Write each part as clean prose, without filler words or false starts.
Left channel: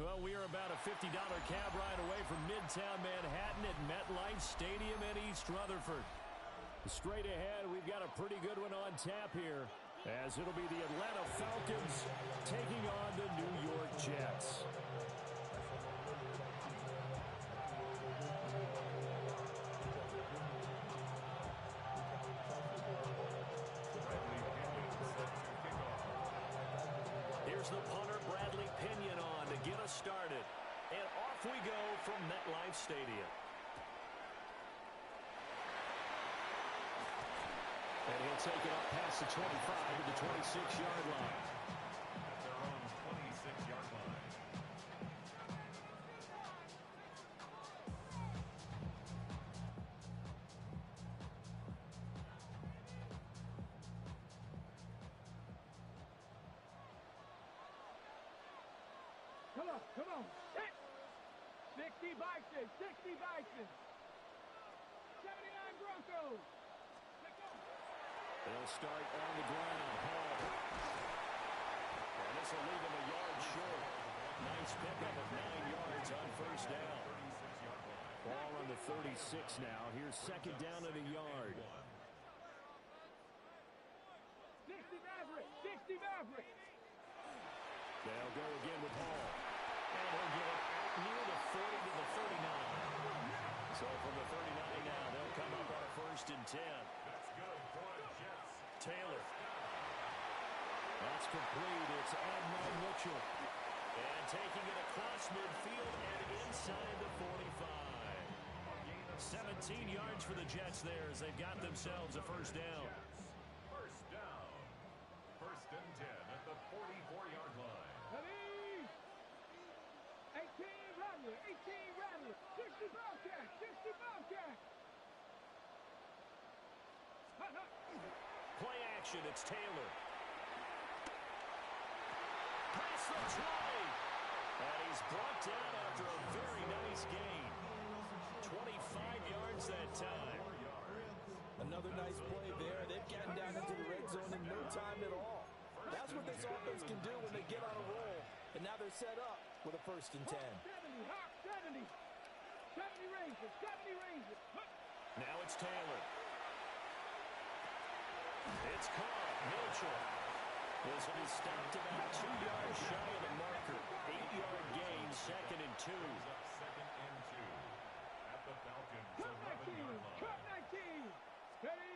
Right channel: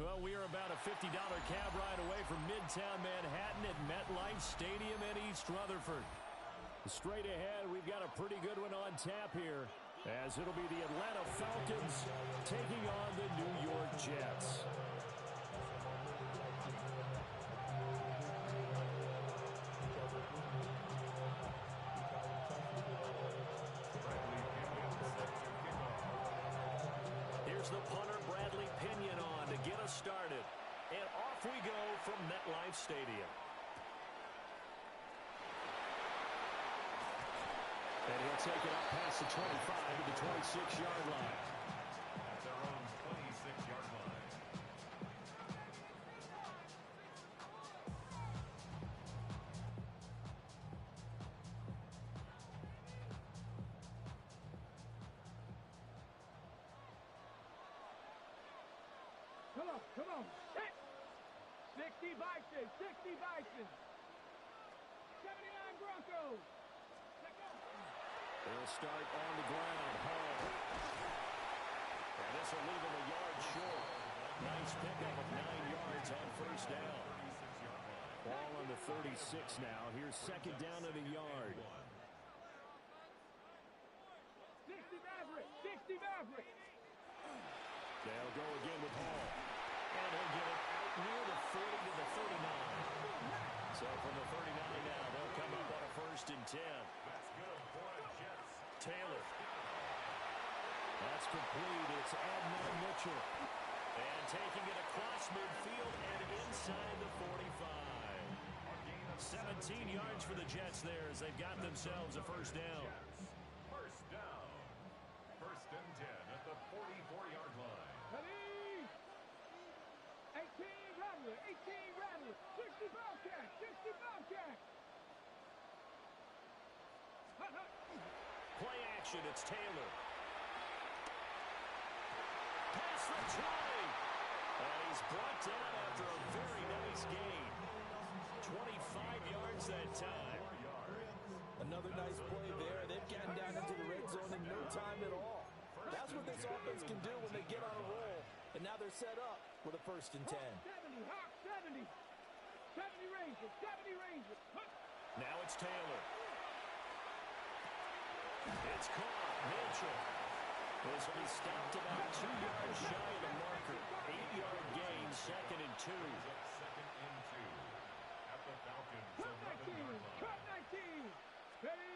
Well, we are about a $50 cab ride away from Midtown Manhattan at MetLife Stadium in East Rutherford. Straight ahead, we've got a pretty good one on tap here, as it'll be the Atlanta Falcons taking on the New York Jets. Here's the punter, Bradley Pinion, on to get us started. And off we go from MetLife Stadium. And he'll take it up past the 25 to the 26-yard line. At their own 26-yard line. Come on. Hit. 60 Bison. 60 Bison. 79 Broncos. Let's go. They'll start on the ground. Hall. And this will leave him a yard short. Nice pickup of 9 yards on first down. Ball on the 36 now. Here's second down at a yard. 60 Maverick. 60 Maverick. They'll go again with Hall. And he'll get it out near the 40 to the 39. So from the 39 now, they'll come up on a 1st and 10. That's good for the Jets. Taylor. That's complete. It's Adnan Mitchell. And taking it across midfield and inside the 45. 17 yards for the Jets there as they've got themselves a first down. First down. 1st and 10 at the 44-yard line. Ready? 18 Rattler. 18 Rattler. 60 Bobcat. 60 Bobcat. Play action. It's Taylor. Past the 20. And he's brought down after a very nice gain. 25 yards that time. Another nice play there. They've gotten down into the red zone in no time at all. That's what this offense can do when they get on a roll. And now they're set up with a 1st and 10. 70, Hawk 70. 70 Rangers. 70 Rangers. Now it's Taylor. It's caught. Mitchell. This will be stopped about 2 yards shy of the marker. 8-yard gain, 2nd and 2. Second and 2 at the Falcons. Cut 19. Cut 19. Ready?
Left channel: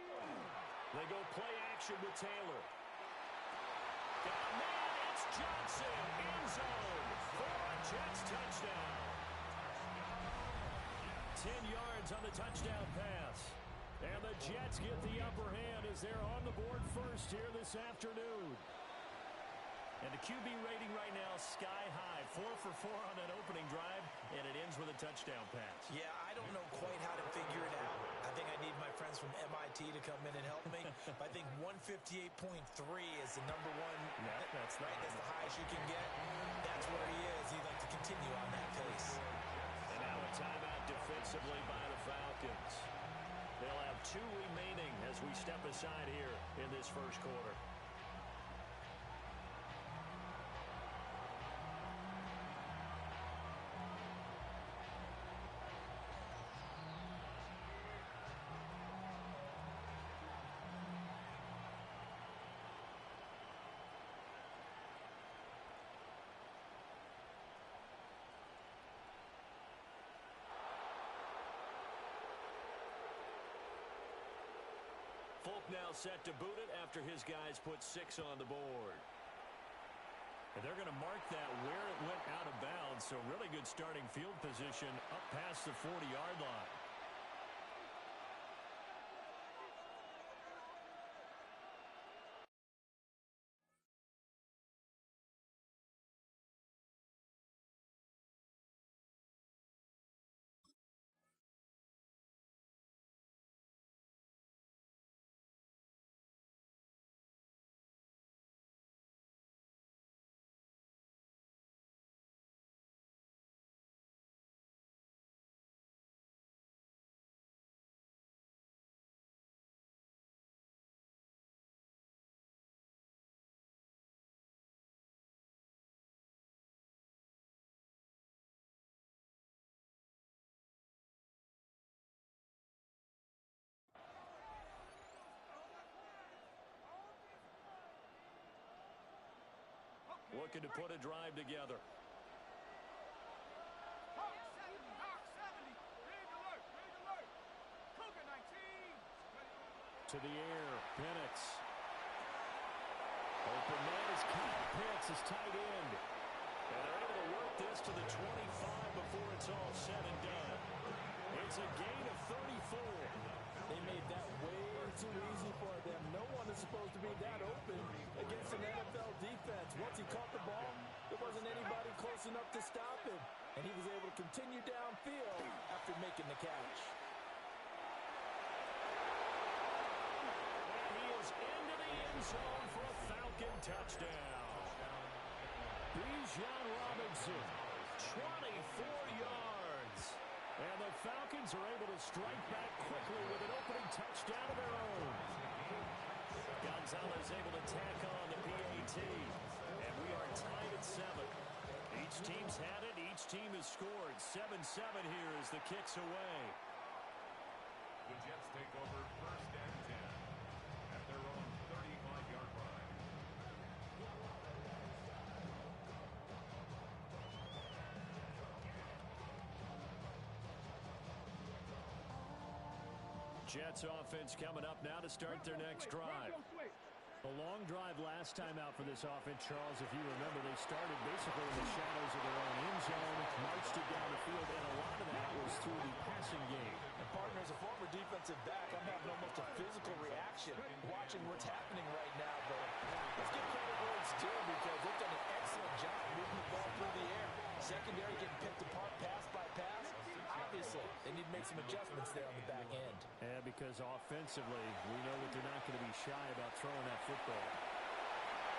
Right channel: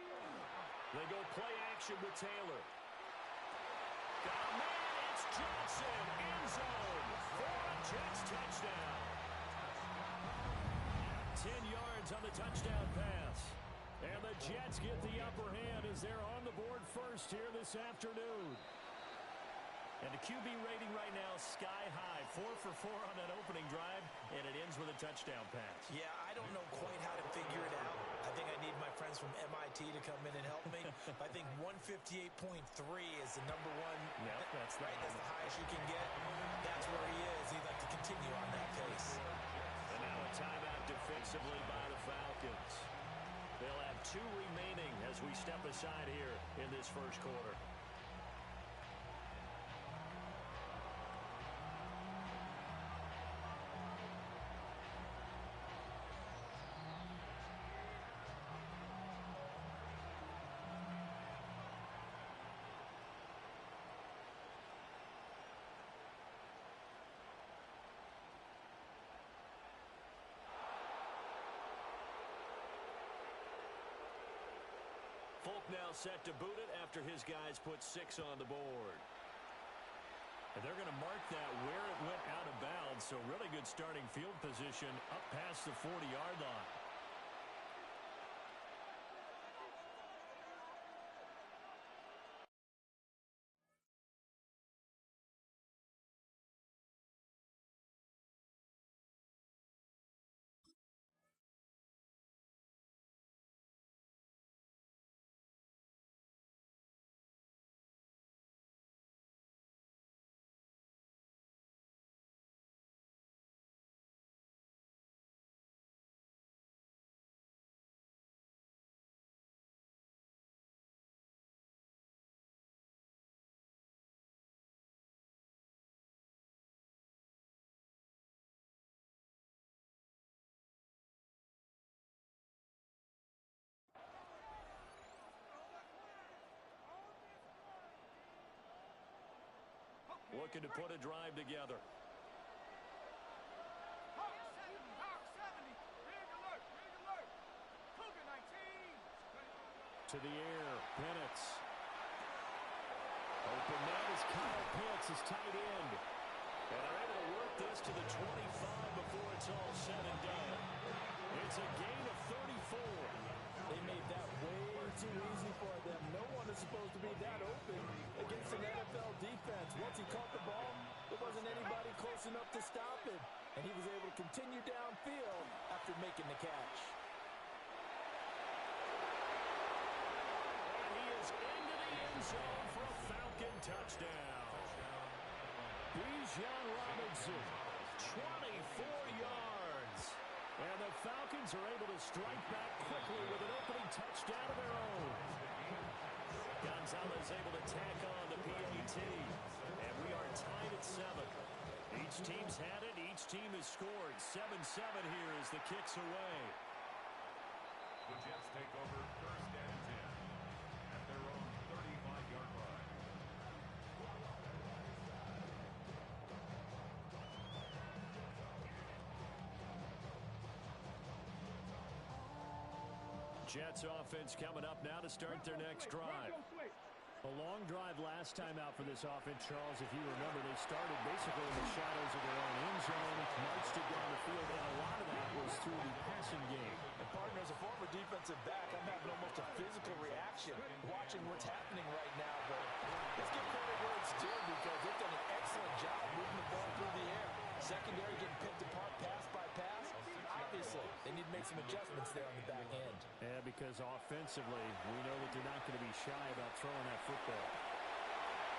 They go play action with Taylor. Got a man. It's Johnson. End zone for a Jets touchdown. 10 yards on the touchdown pass. And the Jets get the upper hand as they're on the board first here this afternoon. And the QB rating right now, sky high. 4 for 4 on that opening drive, and it ends with a touchdown pass. Yeah, I don't know quite how to figure it out. I think I need my friends from MIT to come in and help me. I think 158.3 is the number one. No, that's right. That's the highest you can get. That's where he is. He'd like to continue on that pace. And now a timeout defensively by the Falcons. They'll have 2 remaining as we step aside here in this first quarter. Folk now set to boot it after his guys put 6 on the board. And they're going to mark that where it went out of bounds, so really good starting field position up past the 40-yard line. looking to put a drive together. Hawk 70. Rig alert. Rig alert. Cougar 19. To the air. Penix. Open man is Kyle Pitts, his tight end. And they're able to work this to the 25 before it's all said and done. It's a gain of 34. They made that way too easy for them. No one is supposed to be that open against an NFL defense. Once he caught the ball, there wasn't anybody close enough to stop him. And he was able to continue downfield after making the catch. And he is into the end zone for a Falcon touchdown. Bijan Robinson, 24 yards. And the Falcons are able to strike back quickly with an opening touchdown of their own. Gonzalez able to tack on the PAT. And we are tied at 7. Each team's had it. Each team has scored. 7-7 here as the kick's away. The Jets take over 1st and 10 at their own 35-yard line. Jets offense coming up now to start their next drive. A long drive last time out for this offense, Charles. If you remember, they started basically in the shadows of their own end zone, marched it down the field, and a lot of that was through the passing game. And partner, as a former defensive back, I'm having almost a physical reaction watching what's happening right now. But let's give credit where it's due because they've done an excellent job moving the ball through the air. Secondary getting picked apart pass by pass. Obviously, they need to make some adjustments there on the back end. Yeah, because offensively, we know that they're not going to be shy about throwing that football.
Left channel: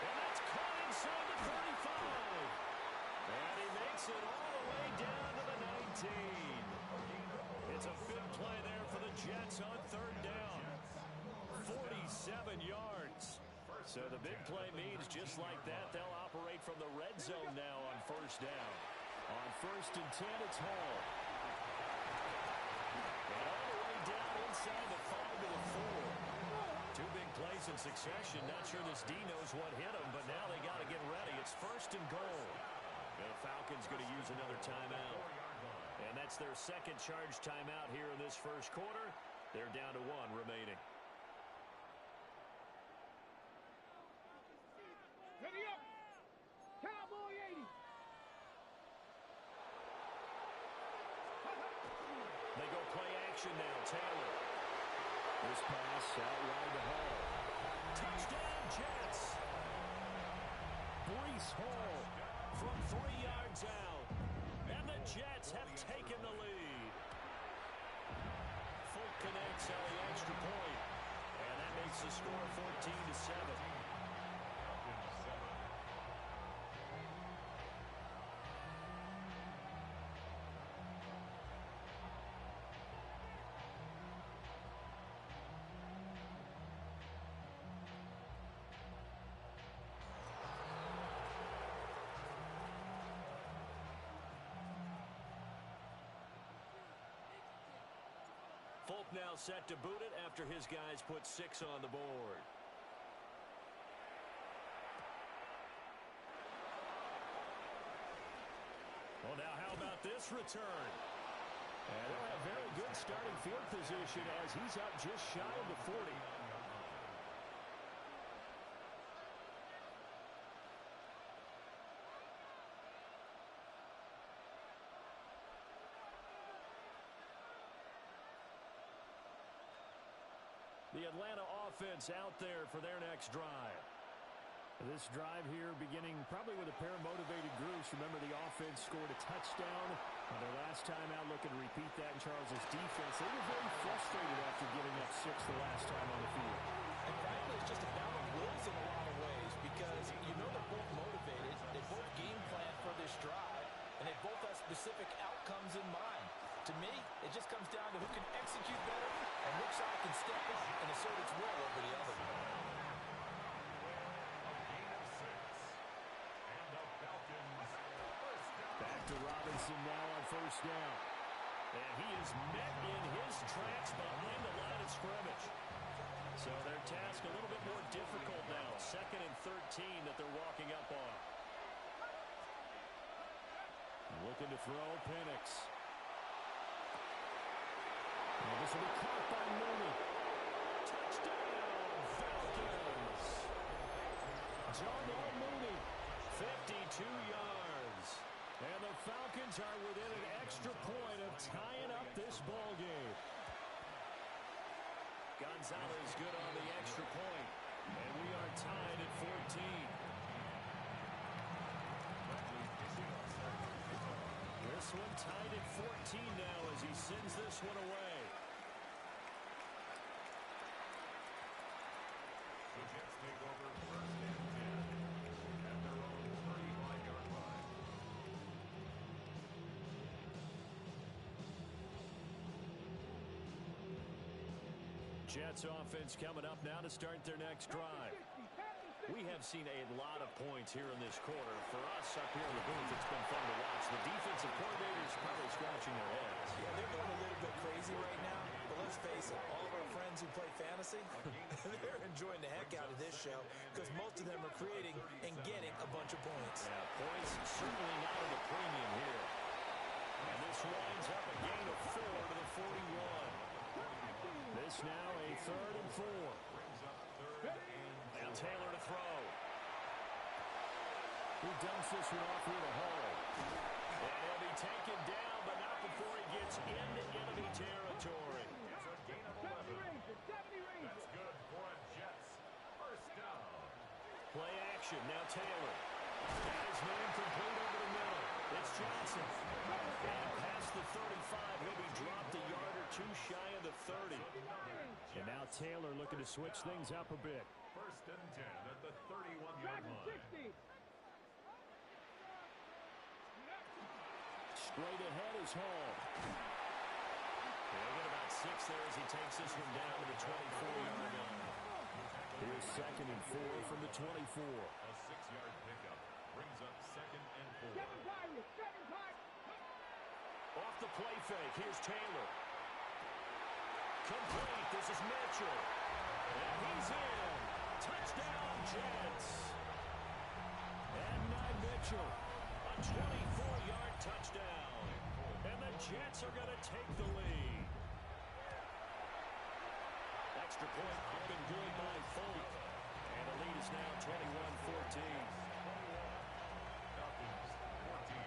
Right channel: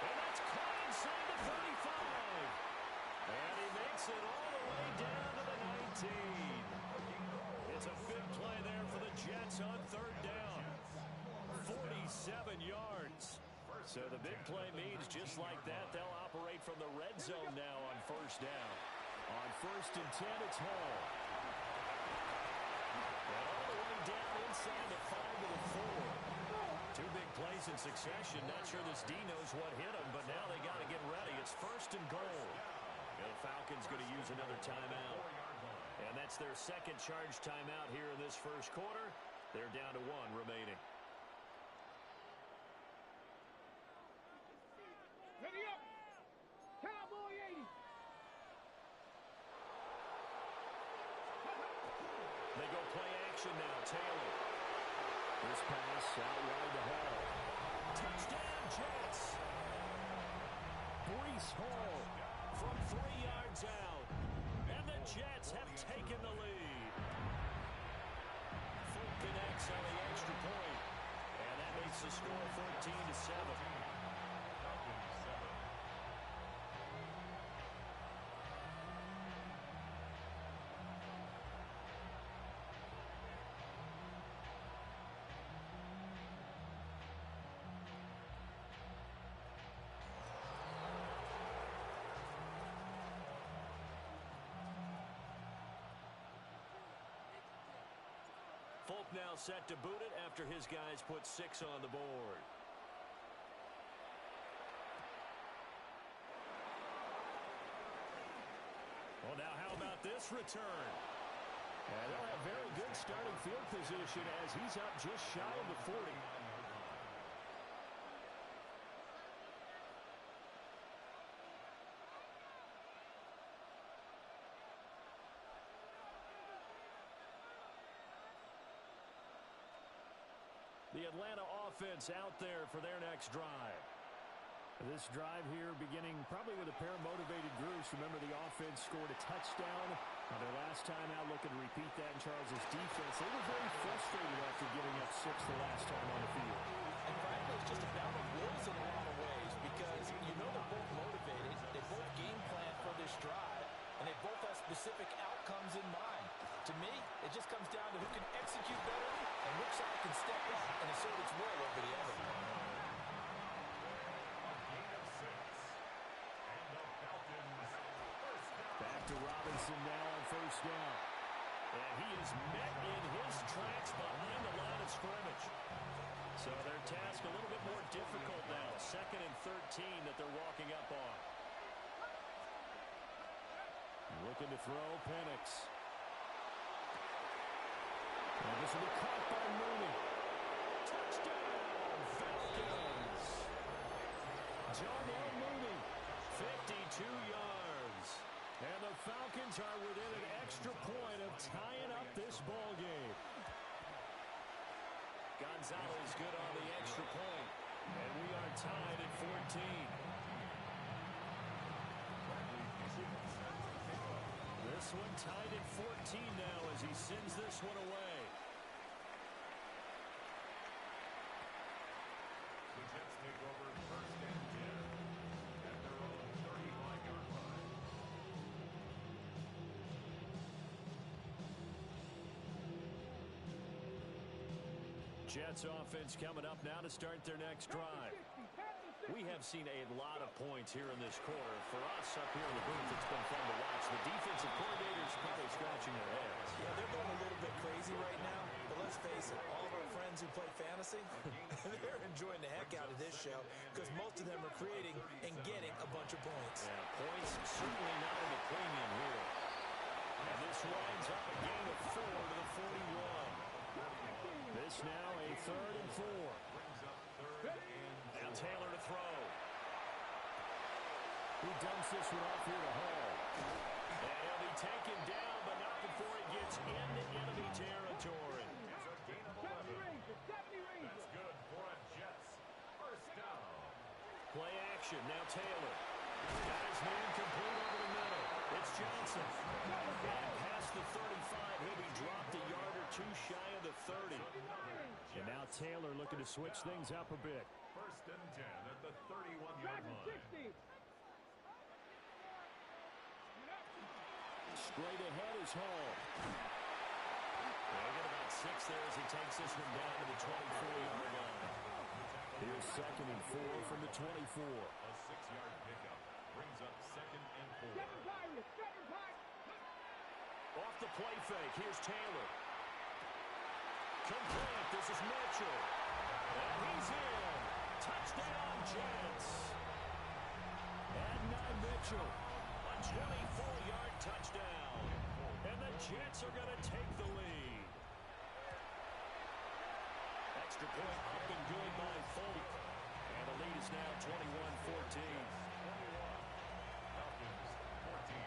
And that's caught inside the 35. And he makes it all the way down to the 19. It's a big play there for the Jets on 3rd down. 47 yards. So the big play means just like that, they'll operate from the red zone now on 1st down. On 1st and 10, it's Hall. And all the way down inside the 5 to the 4. 2 big plays in succession. Not sure this D knows what hit him, but now they got to get ready. It's 1st and goal. And the Falcons going to use another timeout. And that's their 2nd charge timeout here in this 1st quarter. They're down to 1 remaining. Ready up. Cowboy 80. They go play action now. Taylor. This pass out wide to Hall. Touchdown, Jets. Breece Hall from 3 yards out. And the Jets have taken the lead. Full connects on the extra point. And that makes the score 14-7. Folk now set to boot it after his guys put 6 on the board. Well, now how about this return? And they'll have very good starting field position as he's up just shy of the 40. The Atlanta offense out there for their next drive. This drive here beginning probably with a pair of motivated groups. Remember, the offense scored a touchdown on their last time out. Looking to repeat that in Charles's defense. They were very frustrated after giving up 6 the last time on the field. And frankly, it's just a battle of wills in a lot of ways because you know they're both motivated. They both game plan for this drive, and they both have specific outcomes in mind. To me, it just comes down to who can execute better and which side can step up and assert its will over the other. A gain of 6. And the Falcons 1st down. Back to Robinson now on 1st down. And he is met in his tracks behind the line of scrimmage. So their task a little bit more difficult now. 2nd and 13 that they're walking up on. Looking to throw, Penix. And this will be caught by Mooney. Touchdown, Falcons! Darnell Mooney, 52 yards. And the Falcons are within an extra point of tying up this ball game. Gonzalez good on the extra point. And we are tied at 14. This one tied at 14 now as he sends this one away. The Jets take over first and 10 at their own 35-yard line. Jets offense coming up now to start their next drive. We have seen a lot of points here in this quarter. For us up here in the booth, it's been fun to watch. The defensive coordinators probably scratching their heads. Yeah, they're going a little bit crazy right now. But let's face it, all of our friends who play fantasy, they're enjoying the heck out of this show because most of them are creating and getting a bunch of points. Yeah, points certainly not at a premium here. And this winds up a gain of 4 to the 41. This now a 3rd and 4. Brings up 3rd and 4. Now Taylor to throw. He dumps this one off here to Hall. And he'll be taken down, but not before he gets into enemy territory. It's a gain of 11. That's good for a Jets first down. Play action. Now Taylor. Got his man complete over the middle. It's Johnson. And past the 35, he'll be dropped a yard or two shy of the 30. And now Taylor looking to switch things up a bit. First and 10 at the 31-yard line. Straight ahead is Hall. They'll get about 6 there as he takes this one down to the 24-yard line. Here's 2nd and 4 from the 24. A 6-yard pickup brings up 2nd and 4. Off the play fake, here's Taylor. Complete, this is Mitchell. And he's in. Touchdown, Jets. Adonai Mitchell, a 24-yard touchdown. And the Jets are going to take the lead. Extra point up and good by Folk. And the lead is now 21-14. 21. Falcons 14.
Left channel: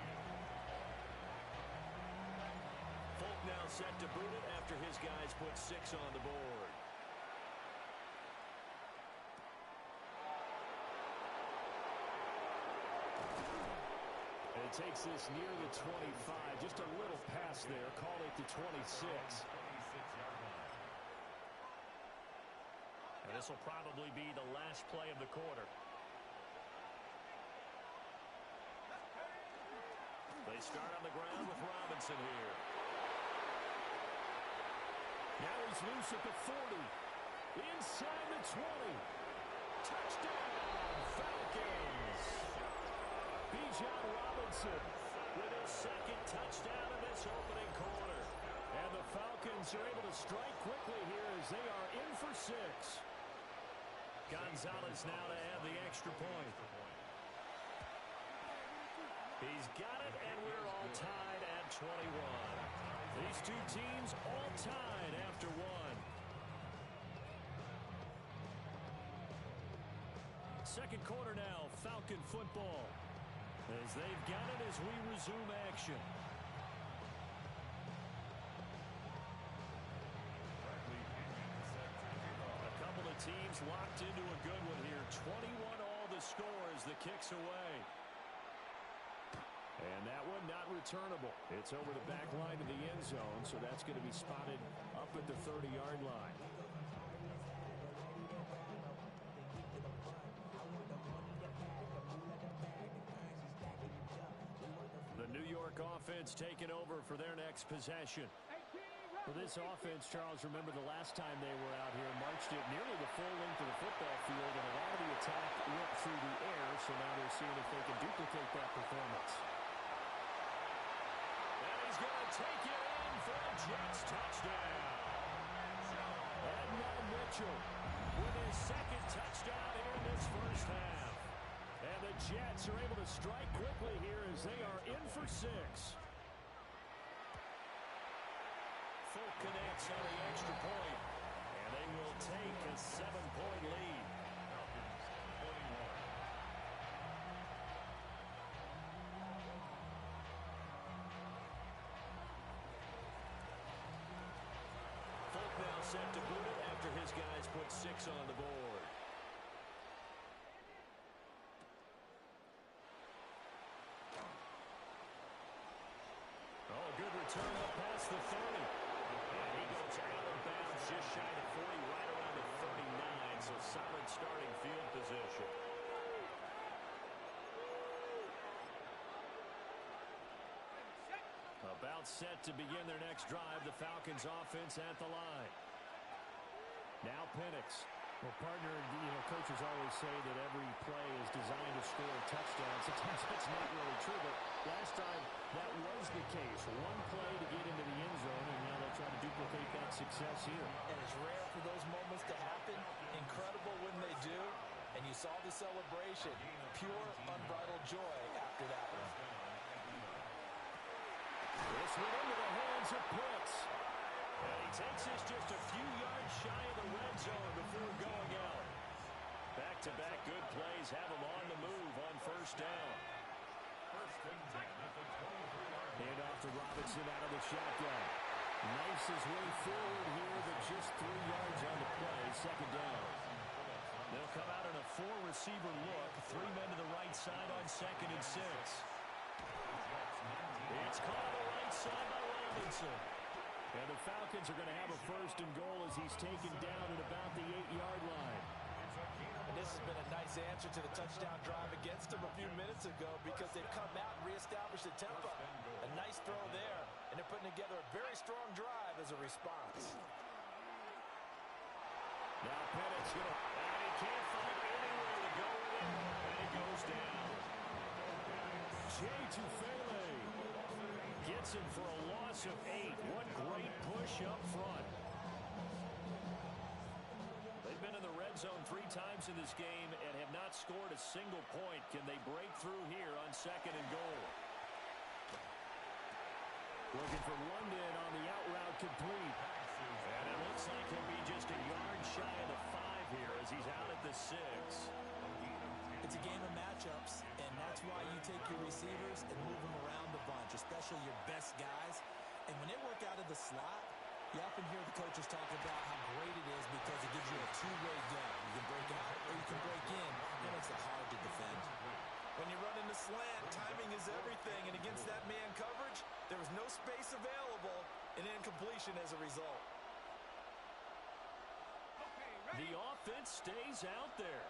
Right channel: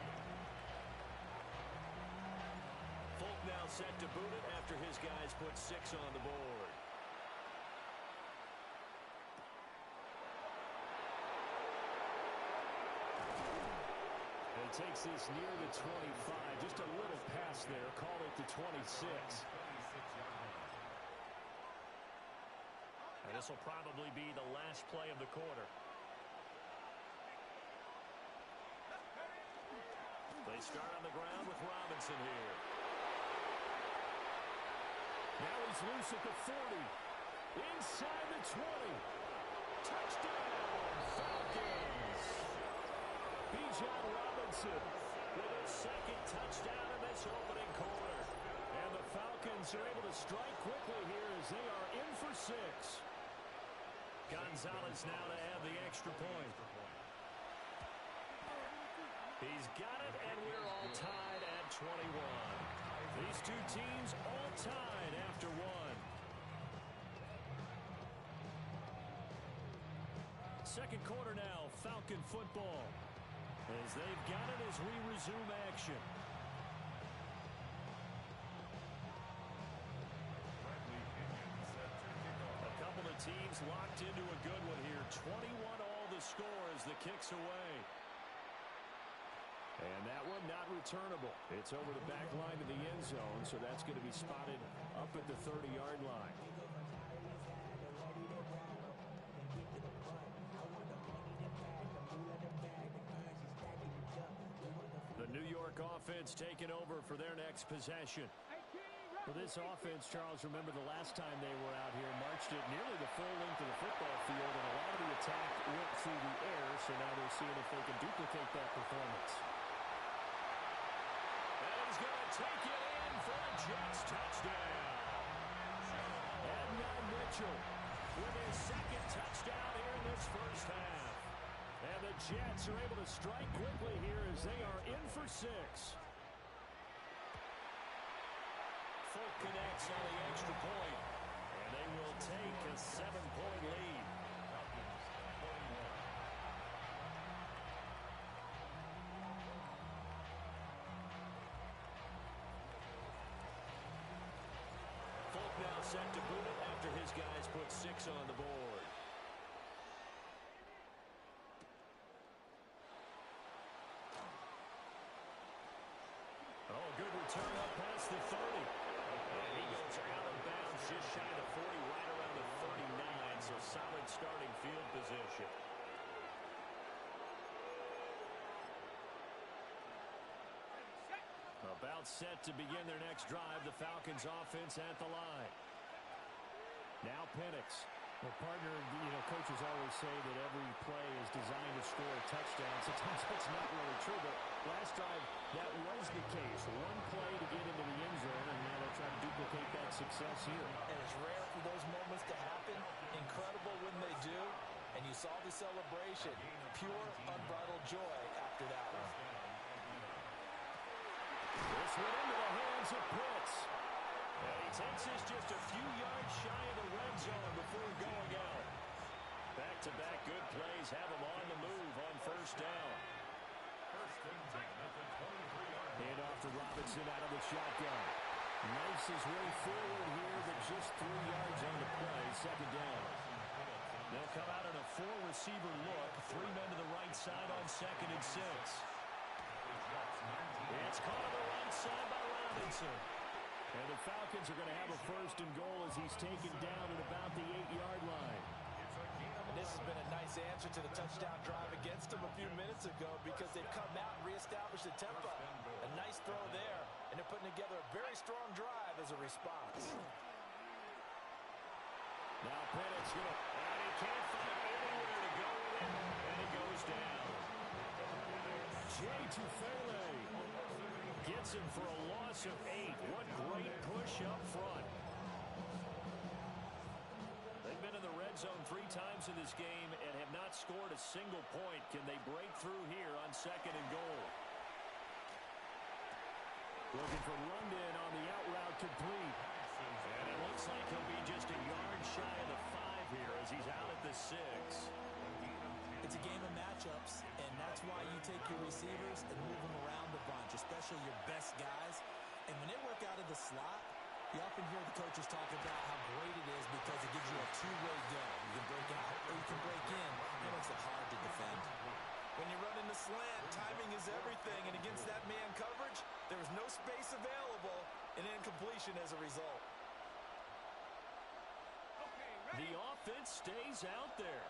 Folk now set to boot it after his guys put 6 on the board. And it takes this near the 25. Just a little pass there. Call it the 26. 26-yard line. And this will probably be the last play of the quarter. They start on the ground with Robinson here. Now he's loose at the 40. Inside the 20. Touchdown, Falcons. Bijan Robinson with his 2nd touchdown in this opening quarter. And the Falcons are able to strike quickly here as they are in for 6. Gonzalez now to have the extra point. He's got it, and we're all tied at 21. These two teams all tied after 1. Second quarter now, Falcon football. As they've got it as we resume action. Bradley Pinion set to kick off. A couple of teams locked into a good one here. 21 all the score as the kick's away. And that one not returnable. It's over the back line of the end zone, so that's going to be spotted up at the 30-yard line. The New York offense taking over for their next possession. For this offense, Charles, remember the last time they were out here, marched it nearly the full length of the football field, and a lot of the attack went through the air, so now they're seeing if they can duplicate that performance. And he's going to take it in for a Jets touchdown. Adonai Mitchell with his 2nd touchdown here in this first half. And the Jets are able to strike quickly here as they are in for 6. Folk connects on the extra point, and they will take a 7-point lead. Falcons 21. Folk now set to boot it after his guys put 6 on the board. Oh, good return up past the 30. And he goes out of bounds just shy of the 40, right around the 39, so solid starting field position. About set to begin their next drive, the Falcons offense at the line. Now Penix. Well, partner, coaches always say that every play is designed to score a touchdown. Sometimes that's not really true, but last drive, that was the case. One play to get into the end zone, and now they'll try to duplicate that success here. And it's rare for those moments to happen. Incredible when they do. And you saw the celebration. Pure, unbridled joy after that one. This went into the hands of Pitts. And he takes this just a few yards shy of the red zone before going out. Back-to-back good plays have him on the move on first down. First and 10 at the 23-yard line. Hand off to Robinson out of the shotgun. Nice his way forward here, but just 3 yards on the play, second down. They'll come out in a 4-receiver look. 3 men to the right side on second and 6. It's caught on the right side by Robinson. And the Falcons are going to have a first and goal as he's taken down at about the 8-yard line. And this has been a nice answer to the touchdown drive against them a few minutes ago because they've come out and reestablished the tempo. A nice throw there, and they're putting together a very strong drive as a response. Now Penix and he can't find anywhere to go with it, and he goes down. Jay Tufele gets him for a loss of 8. What great push up front. They've been in the red zone 3 times in this game and have not scored a single point. Can they break through here on second and goal? Looking for London on the out route complete. And it looks like he'll be just a yard shy of the 5 here as he's out at the 6. It's a game of matchups, and that's why you take your receivers and move them around a bunch, especially your best guys. And when they work out of the slot, you often hear the coaches talk about how great it is because it gives you a two-way go. You can break out or you can break in. That makes it hard to defend. When you run in the slant, timing is everything, and against that man coverage, there was no space available, and incompletion as a result. The offense stays out there.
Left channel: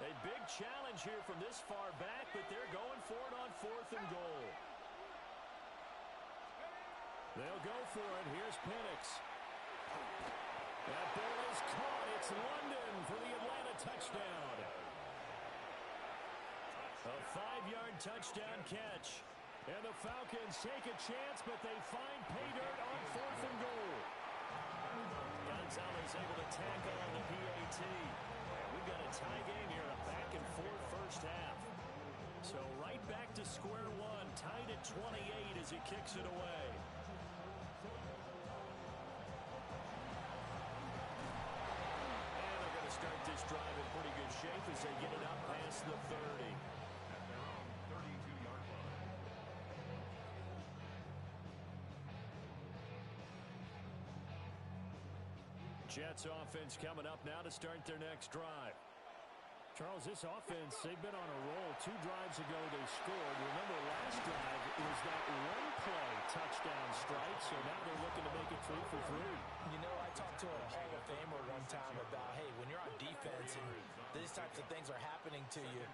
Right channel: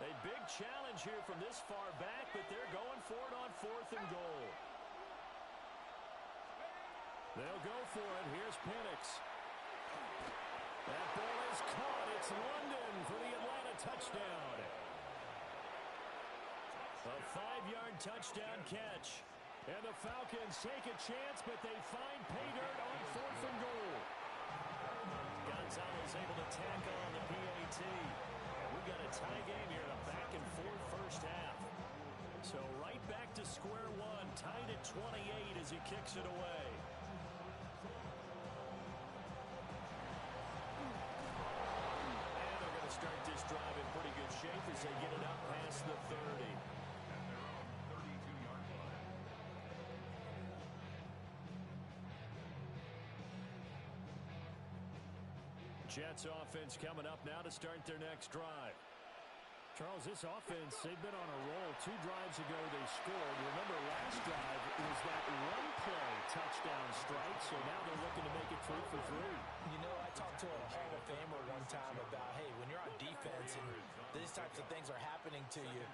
A big challenge here from this far back, but they're going for it on 4th and goal. They'll go for it. Here's Penix. That ball is caught. It's London for the Atlanta touchdown. A 5-yard touchdown catch. And the Falcons take a chance, but they find pay dirt on 4th and goal. Gonzalez able to tack on the PAT. And we've got a tie game here, a back-and-forth first half. So right back to square one, tied at 28 as he kicks it away. And they're going to start this drive in pretty good shape as they get it up past the 30. At their own 32-yard line. Jets offense coming up now to start their next drive. Charles, this offense, they've been on a roll. 2 drives ago they scored. Remember, last drive was that one-play touchdown strike, so now they're looking to make it 3 for 3. You know, I talked to a Hall of Famer one time about, hey, when you're on defense and these types of things are happening to you,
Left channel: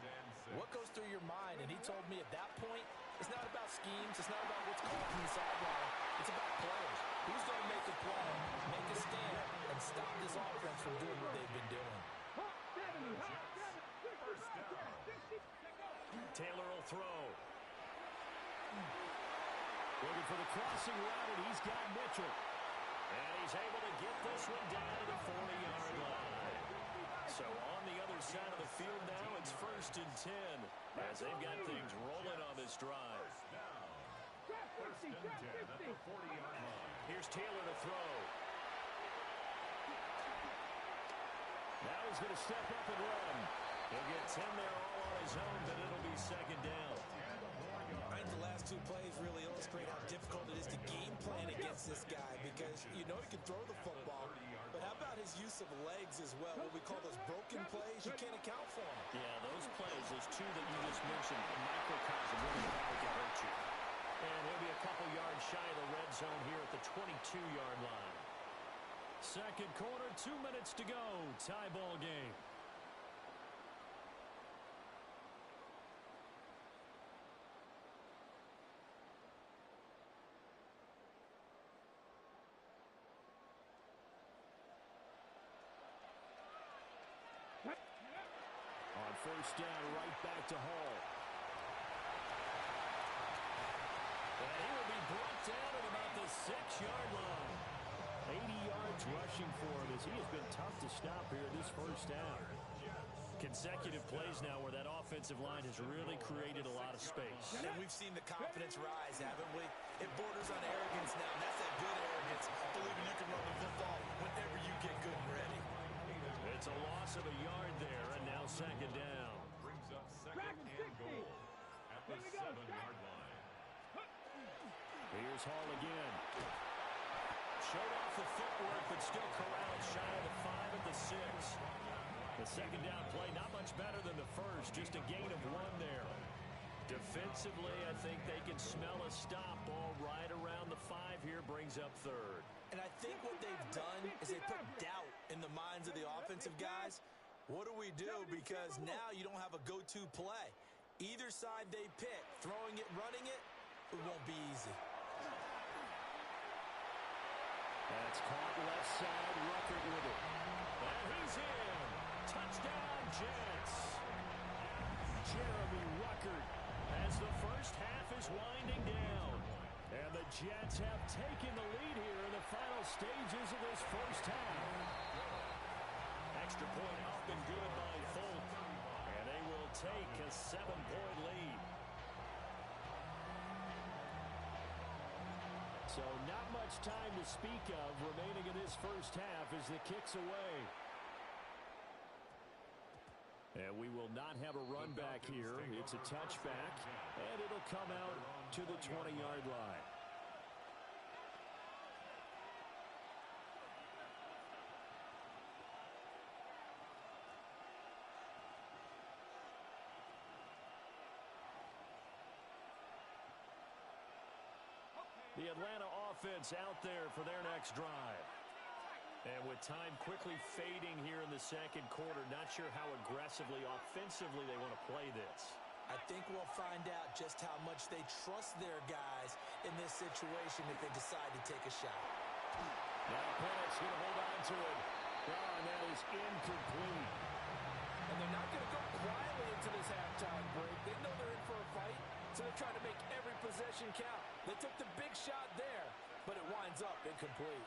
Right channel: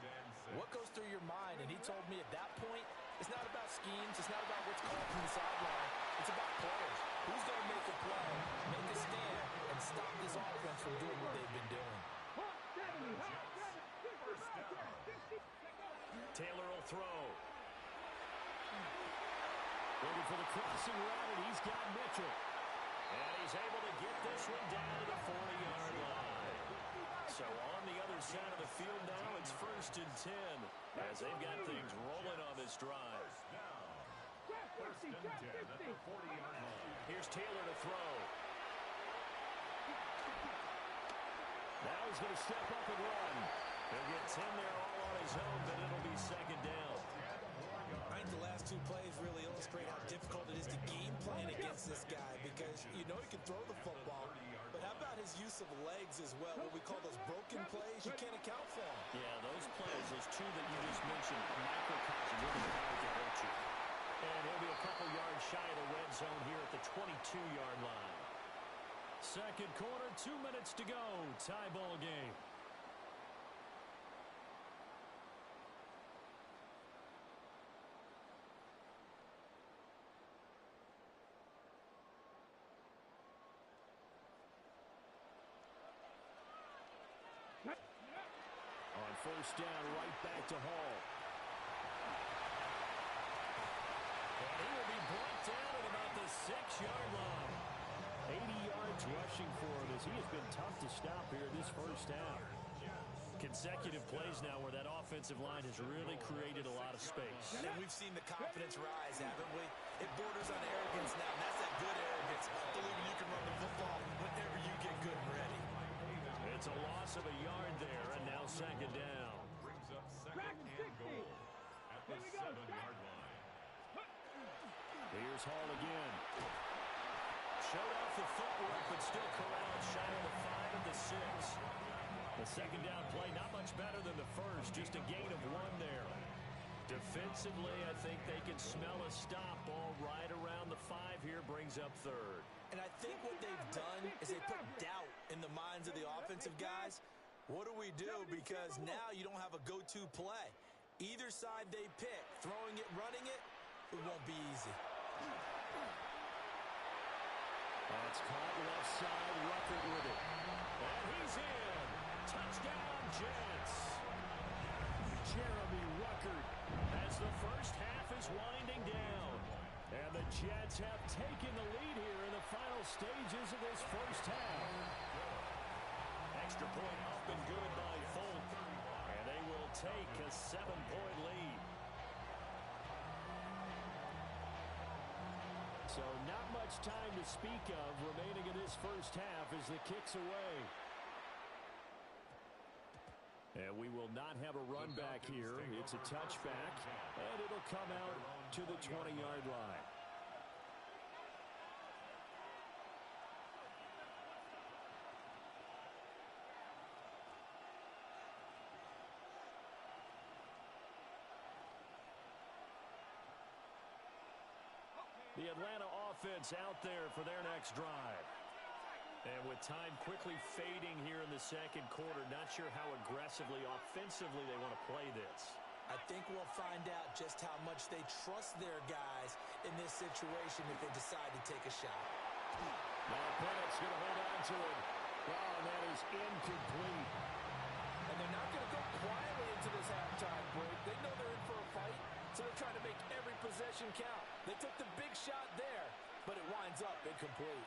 what goes through your mind? And he told me at that point, it's not about schemes. It's not about what's called from the sideline. It's about players. Who's going to make a play, make a stand, and stop this offense from doing what they've been doing? Taylor will throw. Looking for the crossing route, and he's got Mitchell. And he's able to get this one down to the 40-yard line. So on the other side of the field now, it's 1st and 10 as they've got things rolling on this drive. and 10 at the 40-yard line. Here's Taylor to throw. Now he's going to step up and run. He'll get 10 there all on his own, but it'll be second down. I think the last two plays really illustrate how difficult it is to game plan against this guy because you know he can throw the football, but how about his use of legs as well? What we call those broken plays, you can't account for them. Yeah, those plays, those two that you just mentioned, a microcosm of really how he can hurt you. And he'll be a couple yards shy of the red zone here at the 22-yard line. Second quarter, 2 minutes to go. Tie ball game. On first down, right back to Hall. And he will be brought down at about the 6-yard line. 80 yards rushing for him as he has been tough to stop here this first half. Consecutive plays now where that offensive line has really created a lot of space. And we've seen the confidence rise, haven't we? It borders on arrogance now, and that's that good arrogance, believing you can run the football whenever you get good and ready. It's a loss of a yard there, and now second down. Brings up second and goal at the 7-yard line. Here's Hall again. Showed off the footwork, but still corralled shy of the 5 at the 6. The second down play, not much better than the first, just a gain of 1 there. Defensively, I think they can smell a stop. Ball right around the 5 here, brings up third. And I think what they've done is they put doubt in the minds of the offensive guys. What do we do? Because now you don't have a go-to play. Either side they pick, throwing it, running it, it won't be easy. That's caught left side, Ruckert with it. And he's in. Touchdown, Jets. Jeremy Ruckert as the first half is winding down. And the Jets have taken the lead here in the final stages of this first half. Extra point up and good by Folk. And they will take a 7-point lead. So not much time to speak of remaining in this first half as the kick's away. And we will not have a run back here. It's a touchback, and it'll come out to the 20-yard line. The Atlanta offense out there for their next drive. And with time quickly fading here in the second quarter, not sure how aggressively, offensively they want to play this. I think we'll find out just how much they trust their guys in this situation if they decide to take a shot. Now Penix going to hold on to it. Well, and that is incomplete. And they're not going to go quietly into this halftime break. They know they're in for a fight, so they're trying to make every possession count. They took the big shot there, but it winds up incomplete.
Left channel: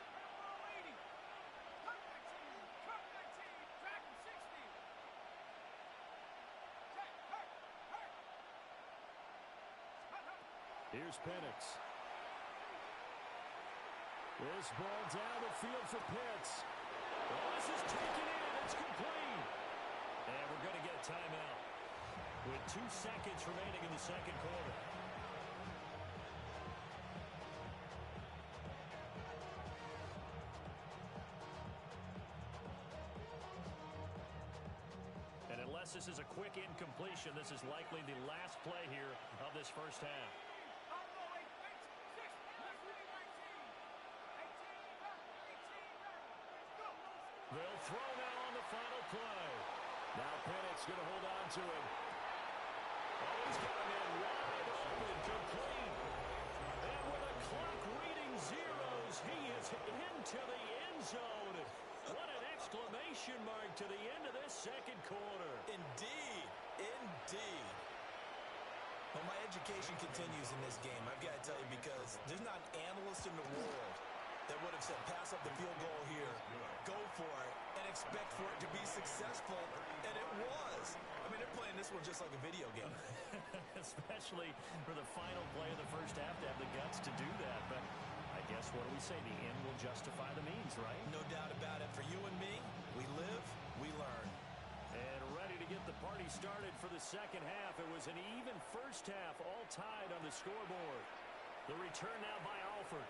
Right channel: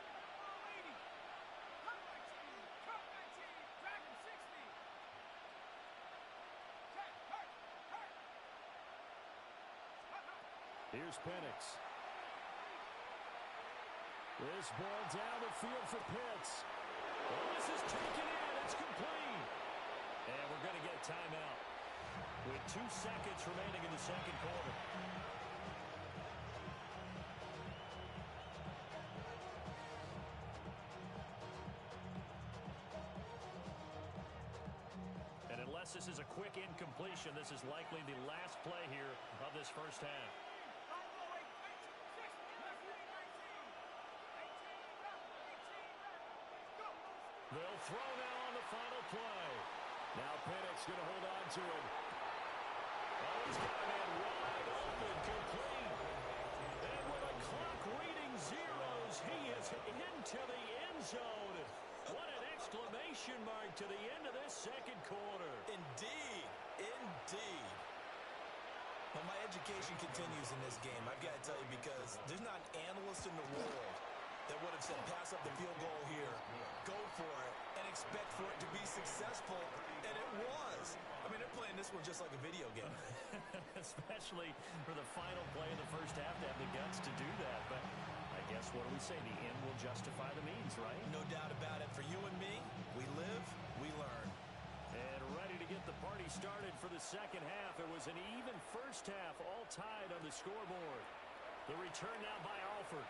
Here's Penix. This ball down the field for Pitts. Well, this is taken in. It's complete. And we're going to get a timeout with 2 seconds remaining in the second quarter. And unless this is a quick incompletion, this is likely the last play here of this first half. They'll throw now on the final play. Now Penix going to hold on to it. Oh, he's got a man wide open, complete. And with a clock reading zeros, he is into the end zone. What an exclamation mark to the end of this second quarter. Indeed, indeed. Well, my education continues in this game, I've got to tell you, because there's not an analyst in the world that would have said pass up the field goal here, go for it, and expect for it to be successful, and it was. I mean, they're playing this one just like a video game. Especially for the final play of the first half to have the guts wants to do that. But I guess what do we say? The end will justify the means, right? No doubt about it. For you and me, we live, we learn. And ready to get the party started for the second half. It was an even first half, all tied on the scoreboard. The return now by Alford.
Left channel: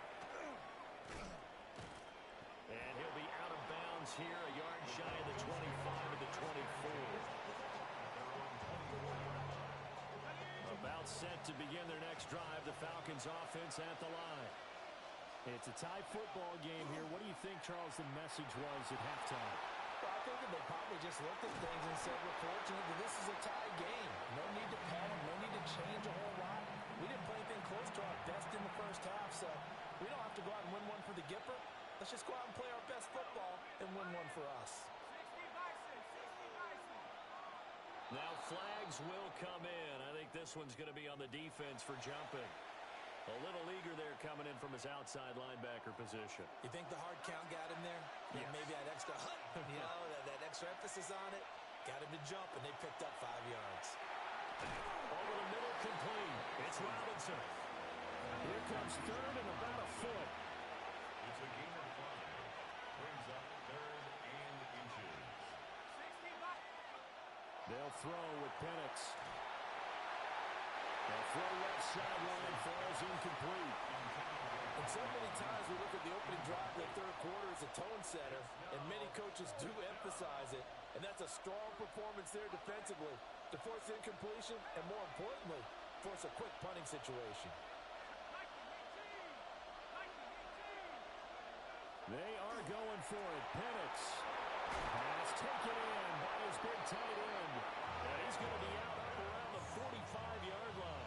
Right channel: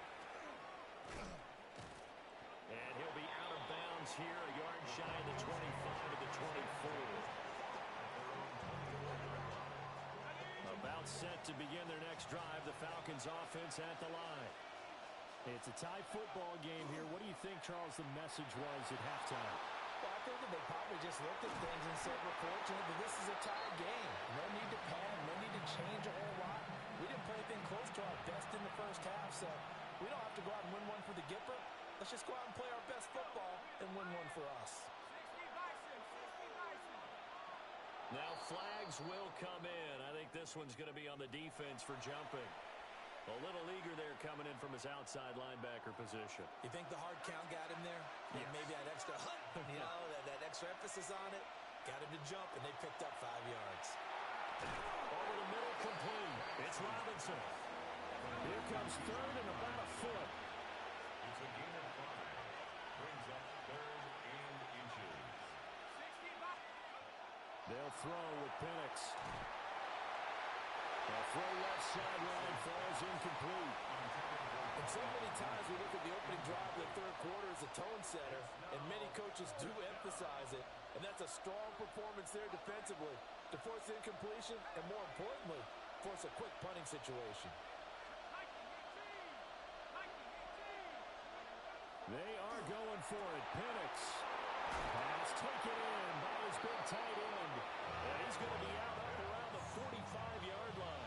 And he'll be out of bounds here, a yard shy of the 25 at the 24. About set to begin their next drive, the Falcons offense at the line. It's a tie football game here. What do you think, Charles, the message was at halftime? Well, I think that they probably just looked at things and said, we're fortunate that this is a tie game. No need to panic, no need to change a whole lot. We didn't play anything close to our best in the first half, so we don't have to go out and win one for the Gipper. Let's just go out and play our best football and win one for us. 60 Bison, 60 Bison. Now flags will come in. I think this one's going to be on the defense for jumping. A little eager there coming in from his outside linebacker position. You think the hard count got him there? Yes. Maybe that extra that extra emphasis on it got him to jump, and they picked up 5 yards. Over the middle, complete. It's Robinson. Here comes third and about a foot. It's a gain of 5. Brings up 3rd and inches. 60 Bison. They'll throw with Penix. The throw left sideline falls incomplete. And so many times we look at the opening drive of the third quarter as a tone setter, and many coaches do emphasize it. And that's a strong performance there defensively to force incompletion and, more importantly, force a quick punting situation. They are going for it. Penix. Pass taken in by his big tight end. And he's going to be out up around the 45-yard line.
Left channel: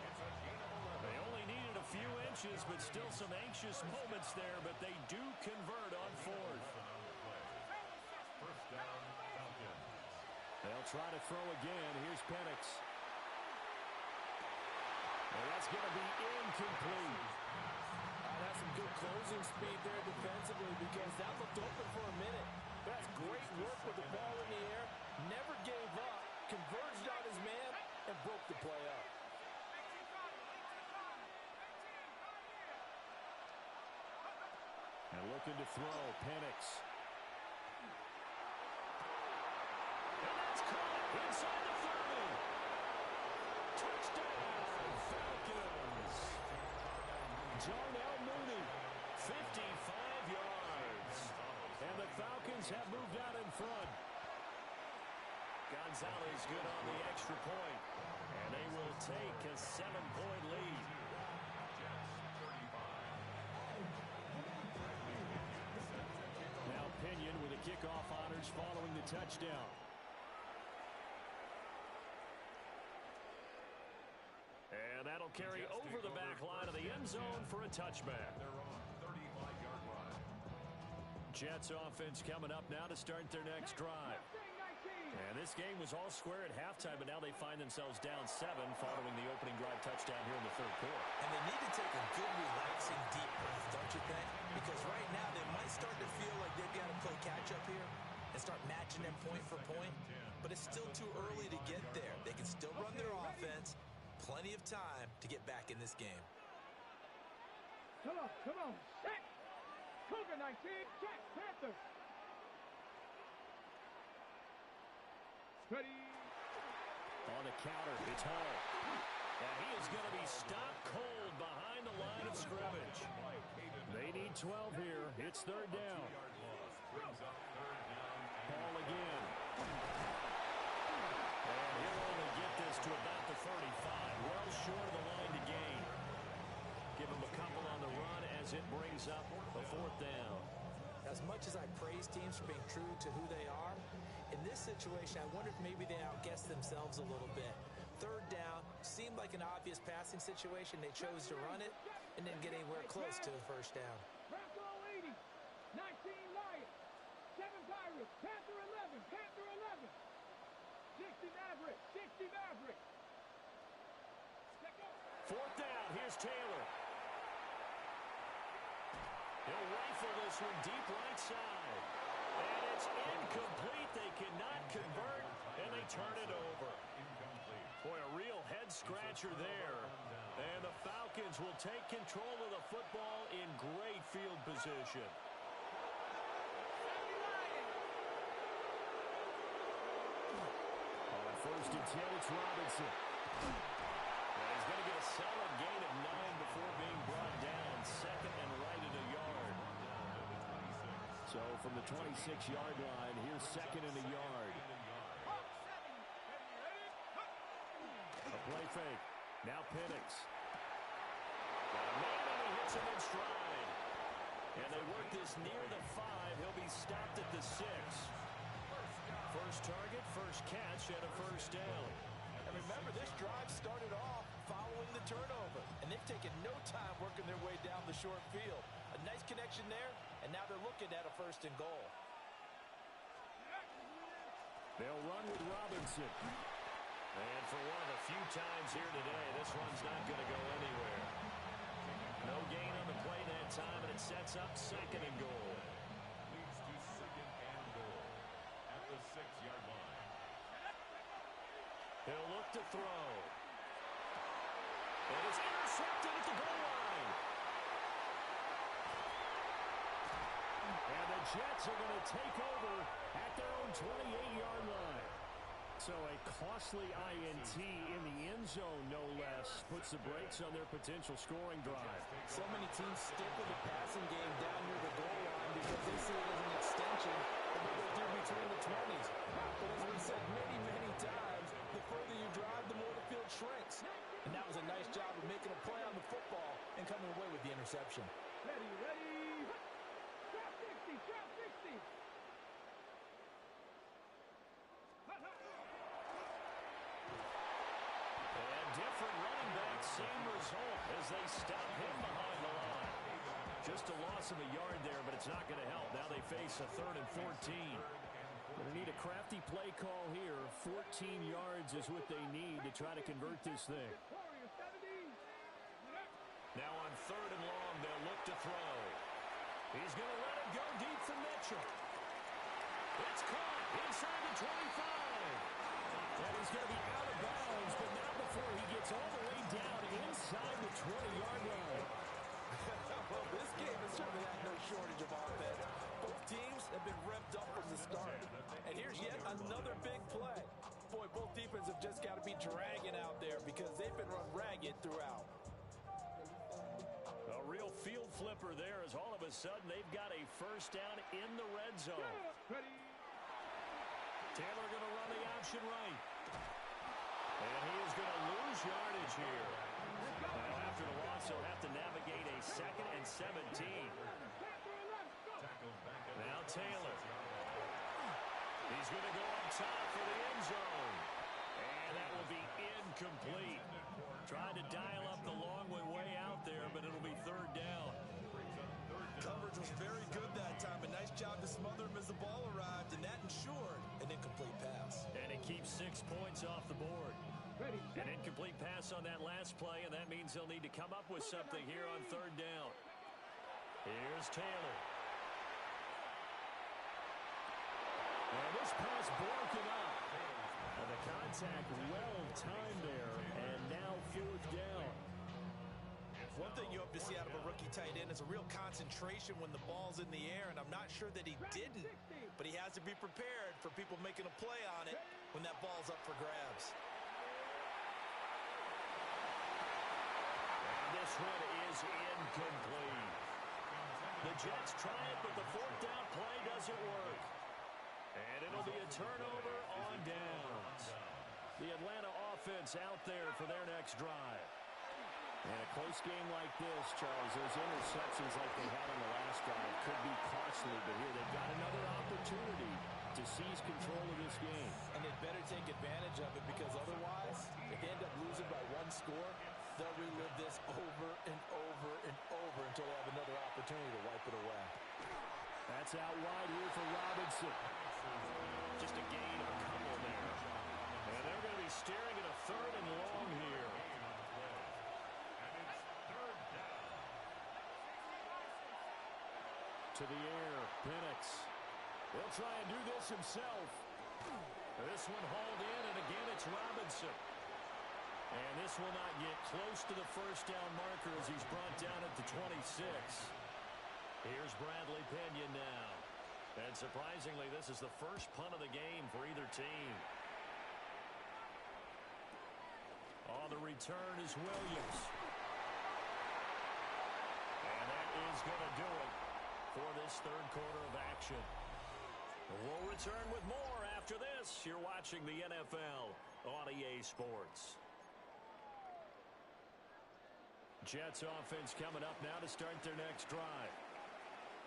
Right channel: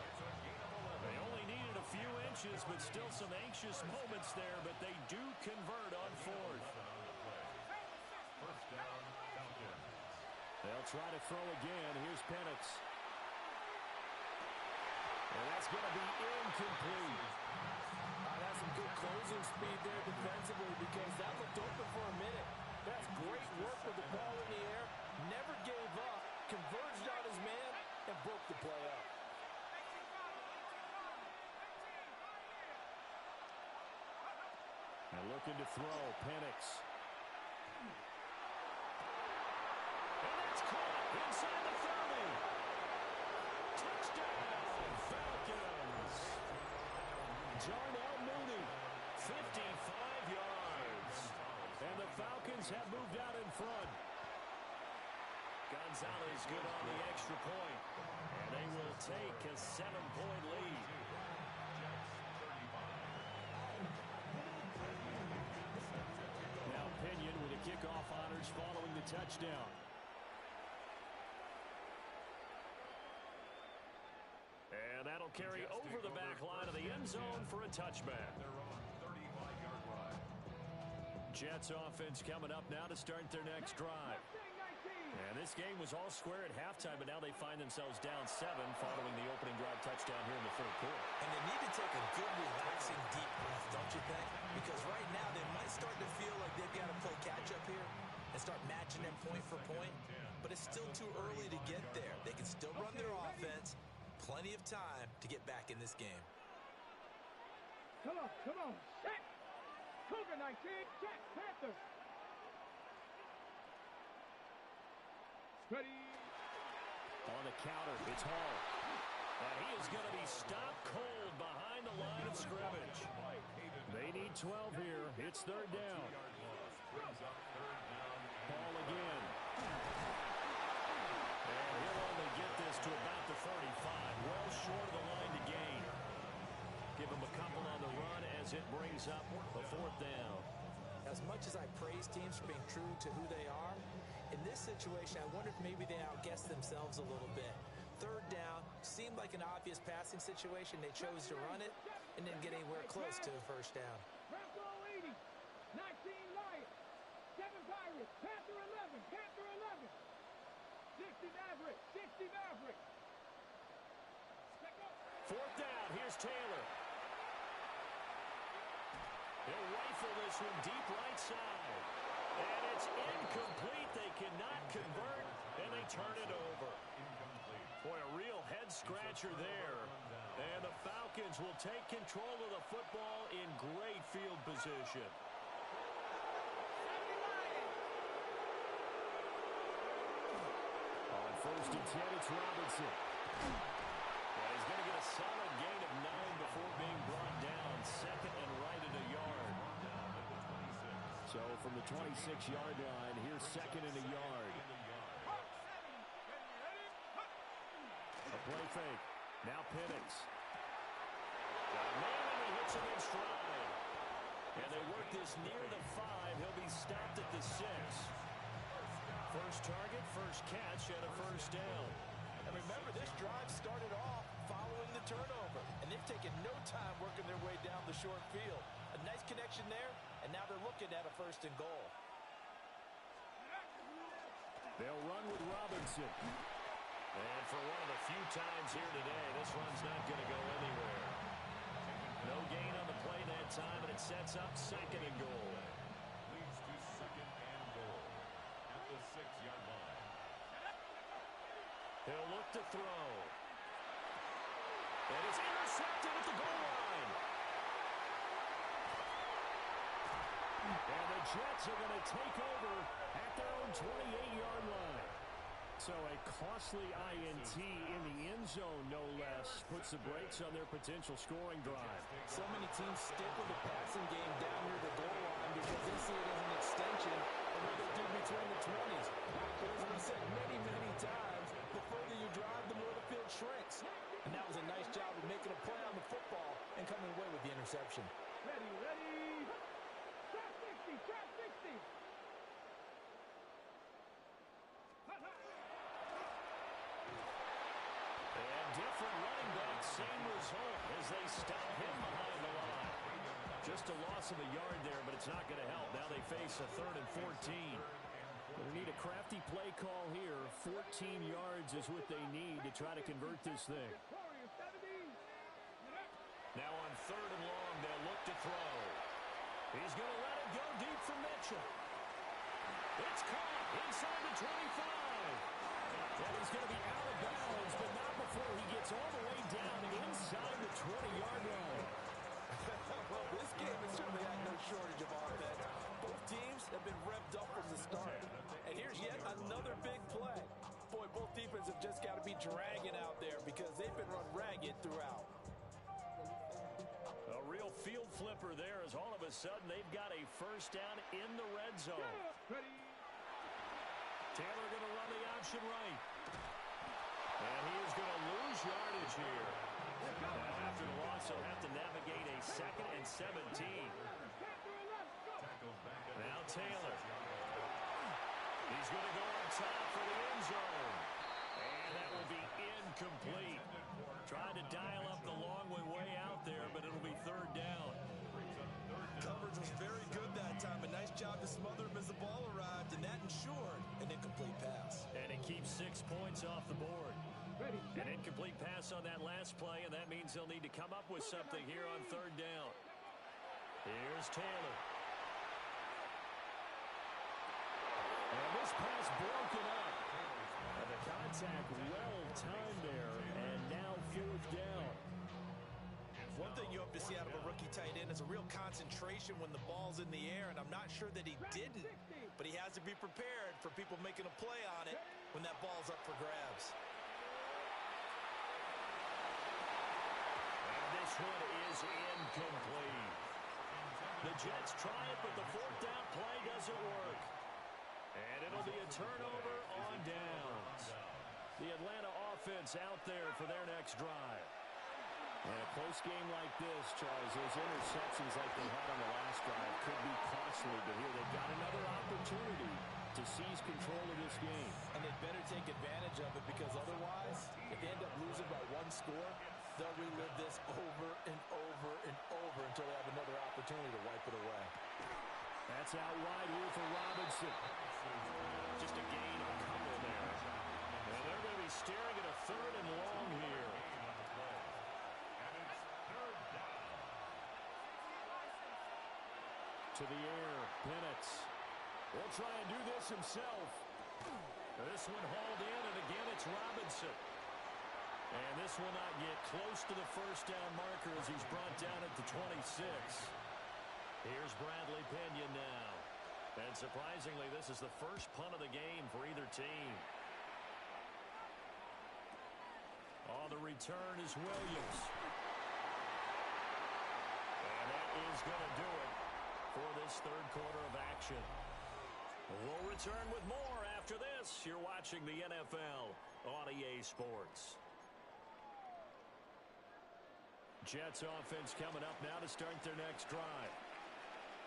They only needed a few inches, but still some anxious moments there, but they do convert on fourth. First down, Falcons. They'll try to throw again. Here's Penix. And that's going to be incomplete. That's some good closing speed there defensively, because that looked open for a minute. That's great work with the ball in the air. Never gave up, converged on his man, and broke the play up. And looking to throw, Penix. And that's caught inside the 30. Touchdown, Falcons. Darnell Mooney, 55 yards. And the Falcons have moved out in front. Gonzalez good on the extra point. And they will take a 7-point lead. Now Pinion with the kickoff honors following the touchdown. And that'll carry over the back line of the end zone for a touchback. They're on 35-yard line. Jets offense coming up now to start their next drive. And this game was all square at halftime, but now they find themselves down 7 following the opening drive touchdown here in the third quarter. And they need to take a good, relaxing, deep breath, don't you think? Because right now they might start to feel like they've got to play catch-up here and start matching them point for point. But it's still too early to get there. They can still run their offense. Plenty of time to get back in this game. Come on, set. Cougar 19, check, Panther. Ready. On the counter, it's Hall. And he is going to be stopped cold behind the line of scrimmage. They need 12 here. It's third down. Ball again. And he'll only get this to about the 35. Well short of the line to gain. Give him a couple on the run as it brings up a fourth down. As much as I praise teams for being true to who they are, in this situation, I wonder if maybe they outguessed themselves a little bit. Third down seemed like an obvious passing situation. They chose to run it and didn't get anywhere close to the first down. Bronco 80, 19 Lions, 7 Pirates, Panther 11, Panther 11, 60 Maverick, 60 Maverick. Let go. Fourth down, here's Taylor. He'll rifle this one deep right side. And it's incomplete. They cannot convert, and they turn it over. Boy, a real head-scratcher there. And the Falcons will take control of the football in great field position. On first and 10, it's Robinson. And he's going to get a solid gain of 9 before being brought down. Second and right at a yard. So from the 26-yard line, here's second and a yard. A play fake. Now Penix. Got a man, and he hits him in stride. And they work this near the 5. He'll be stopped at the 6. First target, first catch, and a first down. And remember, this drive started off following the turnover. And they've taken no time working their way down the short field. A nice connection there, and now they're looking at a first and goal. They'll run with Robinson. And for one of the few times here today, this run's not going to go anywhere. No gain on the play that time, and it sets up second and goal. Leads to second and goal at the 6-yard line. He'll look to throw. And it's intercepted at the goal line. And the Jets are going to take over at their own 28-yard line. So a costly INT in the end zone, no less, puts the brakes on their potential scoring drive. So many teams stick with the passing game down near the goal line because they see it as an extension of what they do between the 20s. But as we said many, many times, the further you drive, the more the field shrinks. And that was a nice job of making a play on the football and coming away with the interception. Ready, ready. Trap 60, trap 60. And different running backs, same result as they stop him behind the line. Just a loss of a yard there, but it's not going to help. Now they face a 3rd and 14. Going to need a crafty play call here. 14 yards is what they need to try to convert this thing. Now on 3rd and long, they'll look to throw. He's going to let it go deep for Mitchell. It's caught inside the 25. And he's going to be out of bounds, but not before he gets all the way down inside the 20-yard line. Well, this game has certainly had no shortage of offense. Both teams have been revved up from the start. And here's yet another big play. Boy, both defenses have just got to be dragging out there because they've been run ragged throughout. A real field flipper there as all of a sudden they've got a first down in the red zone. Taylor going to run the option right. And he is going to lose yardage here. Now after the loss, he'll have to navigate a 2nd and 17. Now Taylor. He's going to go up top for the end zone. And that will be incomplete. Tried to dial up the long way out there, but it'll be 3rd down. Coverage was very good that time. A nice job to smother him as the ball arrived, and that ensured an incomplete pass. And it keeps 6 points off the board. An incomplete pass on that last play, and that means they'll need to come up with something here on 3rd down. Here's Taylor. And this pass broken up. And the contact well timed there, and now 4th down. One thing you hope to see out of a rookie tight end is a real concentration when the ball's in the air, and I'm not sure that he didn't, but he has to be prepared for people making a play on it when that ball's up for grabs. And this one is incomplete. The Jets try it, but the 4th down play doesn't work. And it'll be a turnover on downs. The Atlanta offense out there for their next drive. And a close game like this, Charles, those interceptions like they had on the last drive could be costly, but here they've got another opportunity to seize control of this game. And they'd better take advantage of it because otherwise, if they end up losing by 1 score, they'll relive this over and over and over until they have another opportunity to wipe it away. That's out wide here for Robinson. Just a gain of a couple there. And they're going to be staring at a 3rd and long here. To the air, Penix. He'll try and do this himself. This one hauled in, and again it's Robinson. And this will not get close to the first down marker as he's brought down at the 26. Here's Bradley Pinion now. And surprisingly, this is the first punt of the game for either team. On the return is Williams. And that is going to do it for this third quarter of action. We'll return with more after this. You're watching the NFL on EA Sports. Jets offense coming up now to start their next drive.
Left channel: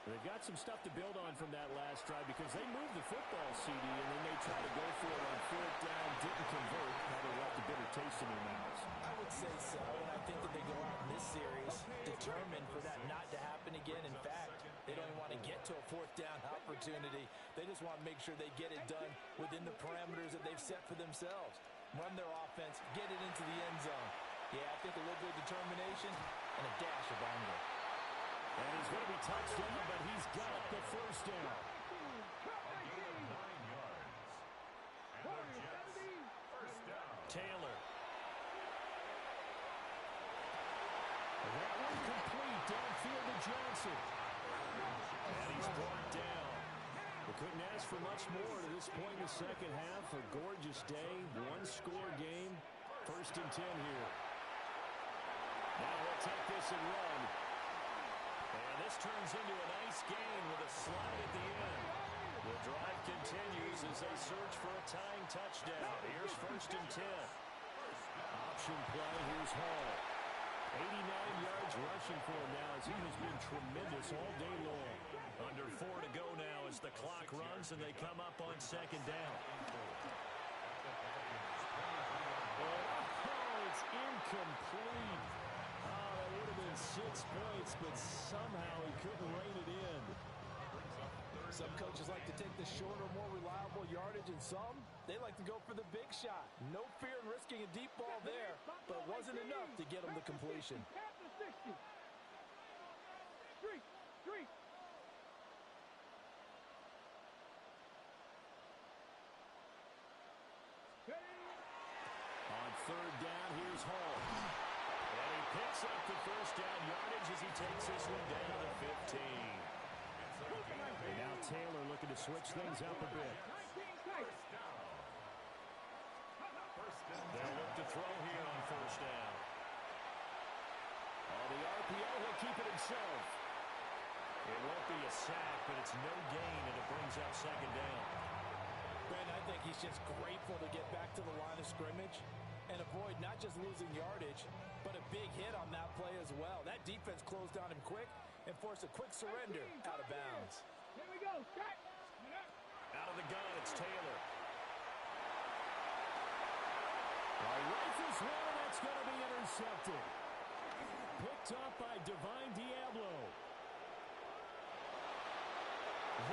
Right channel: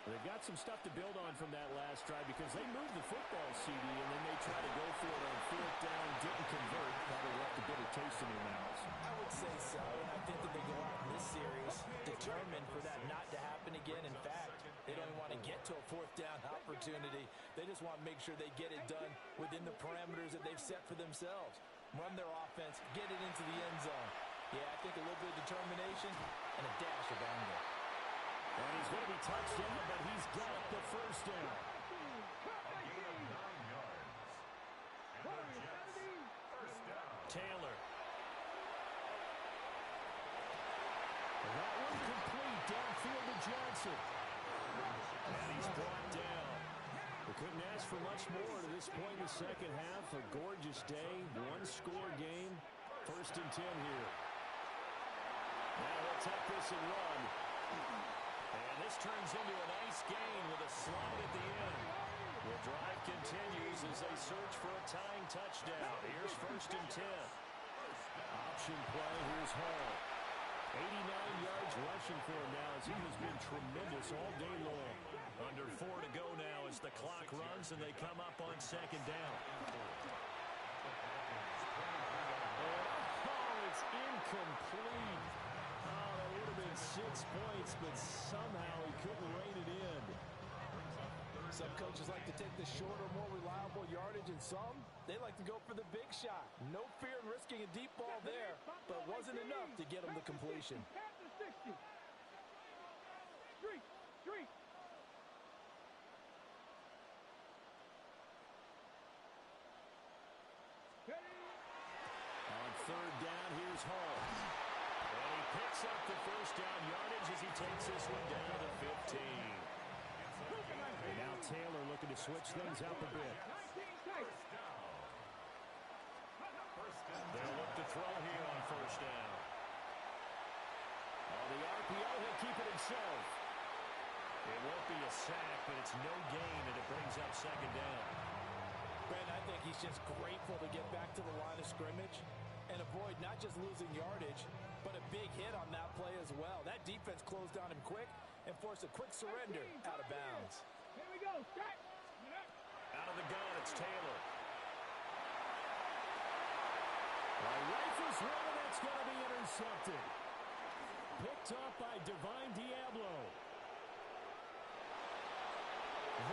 They've got some stuff to build on from that last drive because they moved the football, CD, and then they tried to go for it on fourth down, didn't convert. Probably left a bitter taste in their mouths. I would say so, and I think that they go out in this series determined for that not to happen again. In fact, they don't even want to get to a fourth down opportunity. They just want to make sure they get it done within the parameters that they've set for themselves. Run their offense, get it into the end zone. Yeah, I think a little bit of determination and a dash of anger. And he's going to be touched down, but he's got the first down. A gain of 9 yards. And the Jets, first down. Taylor. That one complete downfield to Johnson. And he's brought down. We couldn't ask for much more to this point in the second half. A gorgeous day, one-score game. First and 10 here. Now he'll take this and run. And this turns into a nice gain with a slide at the end. The drive continues as they search for a tying touchdown. Here's first and 10. Option play, here's Hall. 89 yards rushing for him now as he has been tremendous all day long. Under 4 to go now as the clock runs and they come up on second down. Oh, it's incomplete. Oh, that would have been 6 points, but somehow he couldn't rein it in. Some coaches like to take the shorter, more reliable yardage, and some, they like to go for the big shot. No fear in risking a deep ball there, but it wasn't enough to get him the completion. On third down, here's Hall. And he picks up the first down yardage as he takes this one down to the 15. And now Taylor looking to switch things up a bit. They'll look to throw here on first down. On the RPO, he'll keep it himself. It won't be a sack, but it's no gain, and it brings up second down. Brandon, I think he's just grateful to get back to the line of scrimmage and avoid not just losing yardage, but a big hit on that play as well. That defense closed on him quick and forced a quick surrender out of bounds. Here we go. Out of the gun, it's Taylor. Rifles one, and that's going to be intercepted. Picked up by Divine Diablo.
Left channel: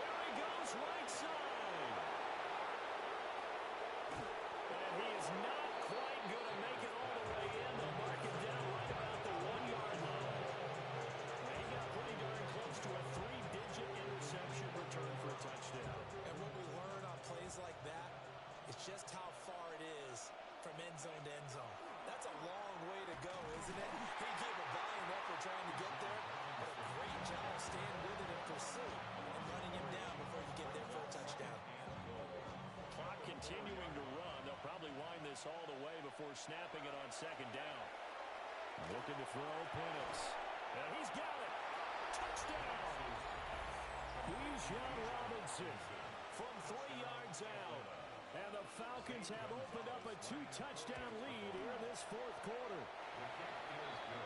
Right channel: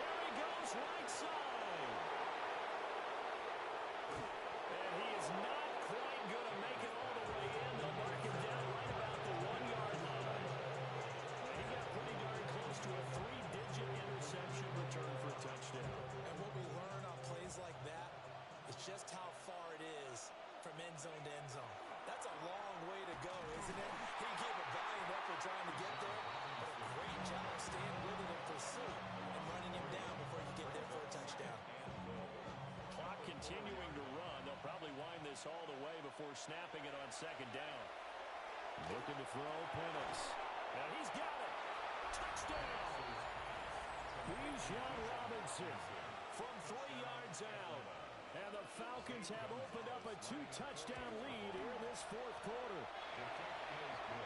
There he goes, right side. And he is not quite going to make it all the way in. They'll mark him down right about the 1-yard line. And he got pretty darn close to a 3-digit interception return for a touchdown. And what we learn on plays like that is just how far it is from end zone to end zone. That's a long way to go, isn't it? He gave a valiant effort trying to get there, but a great job staying with it in pursuit and running him down before he could get there for a touchdown. Clock continuing to run. They'll probably wind this all the way before snapping it on second down. Looking to throw, Penix. And he's got it. Touchdown. Bijan Robinson From 3 yards out. And the Falcons have opened up a 2-touchdown lead here this fourth quarter.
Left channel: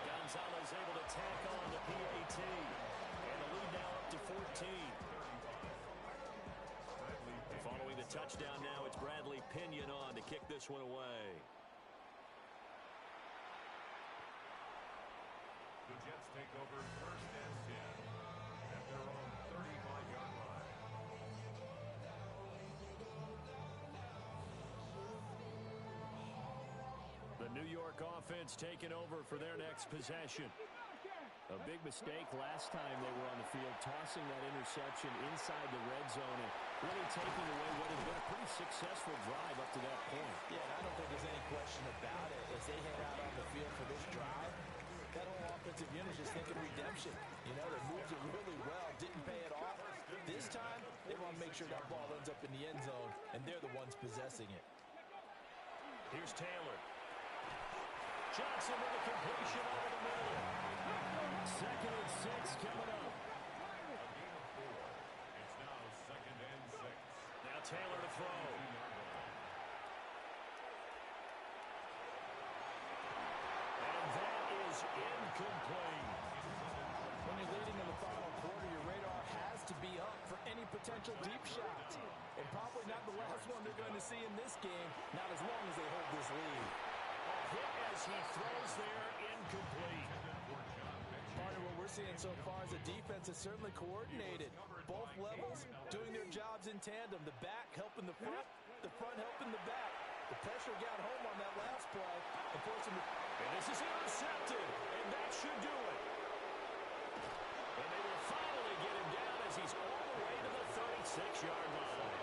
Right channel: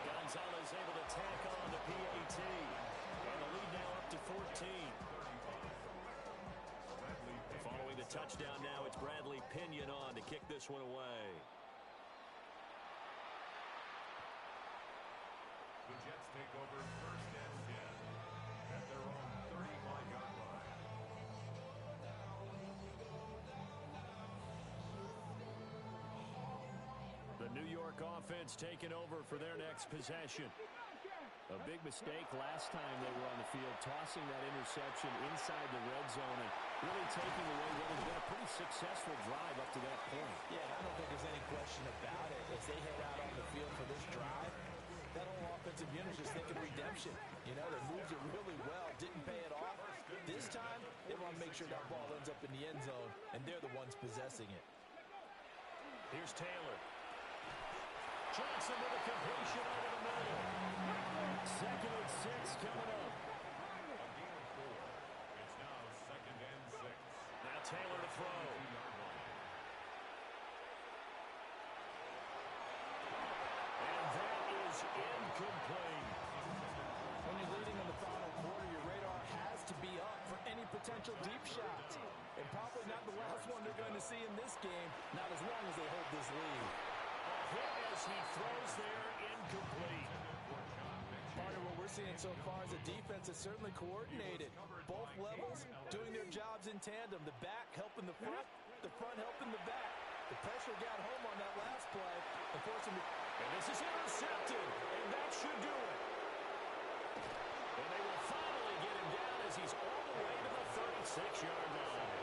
Gonzalez able to tack on the PAT. And the lead now up to 14. Following the touchdown now, it's Bradley Pinion on to kick this one away. The Jets take over first and 10 at their own 35-yard line. The New York offense taking over for their next possession. A big mistake last time they were on the field, tossing that interception inside the red zone and really taking away what has been a pretty successful drive up to that point. Yeah, and I don't think there's any question about it. As they head out on the field for this drive, that whole offensive unit is just thinking redemption. You know, they moved it really well, didn't pay it off. This time, they want to make sure that ball ends up in the end zone, and they're the ones possessing it. Here's Taylor. Johnson with a completion over the middle. 2nd and 6 coming up. A gain of 4. It's now 2nd and 6. Now Taylor to throw. And that is incomplete. When you're leading in the final quarter, your radar has to be up for any potential deep shots. And probably not the last one they're going to see in this game, not as long as they hold this lead. A hit as he throws there, incomplete. Part of what we're seeing so far is the defense is certainly coordinated. Both levels doing their jobs in tandem. The back helping the front helping the back. The pressure got home on that last play. And this is intercepted, and that should do it. And they will finally get him down as he's all the way to the 36-yard line.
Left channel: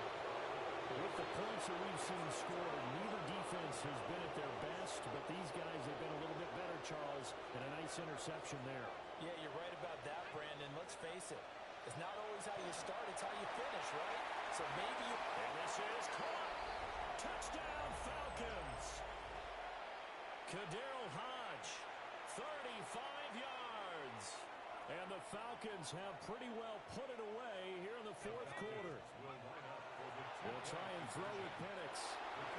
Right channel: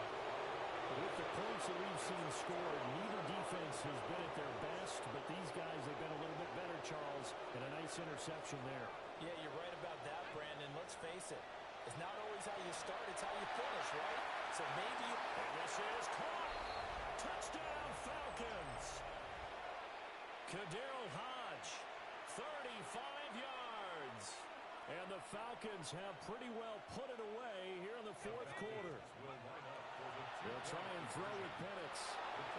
With the points that we've seen scored, neither defense has been at their best, but these guys have been a little bit better, Charles, and a nice interception there. Yeah, you're right about that, Brandon. Let's face it. It's not always how you start, it's how you finish, right? So maybe you... And this is caught. Touchdown, Falcons. Kaderl Hodge, 35 yards. And the Falcons have pretty well put it away here in the 4th quarter. They'll try and throw with Penix.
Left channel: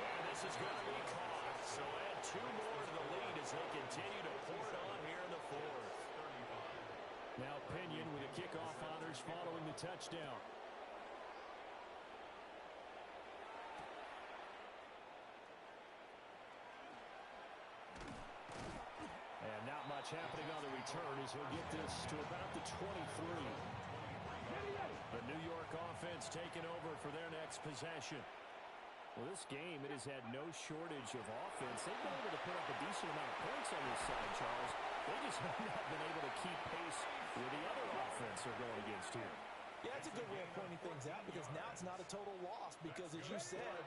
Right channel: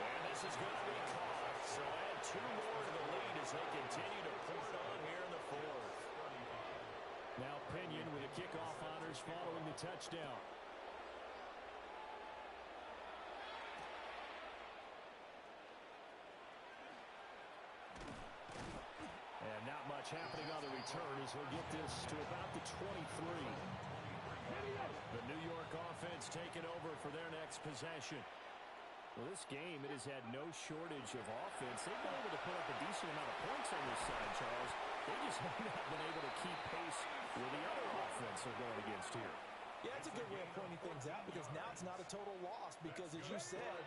And this is going to be caught. So add 2 more to the lead as they continue to pour it on here in the 4th. Now Pinion with the kickoff honors following the touchdown. And not much happening on the return as he'll get this to about the 23. The New York offense taking over for their next possession. Well, this game, it has had no shortage of offense. They've been able to put up a decent amount of points on this side, Charles. They just have not been able to keep pace with the other offense they're going against here. Yeah, it's a good way of pointing things out because now it's not a total loss because, as you said,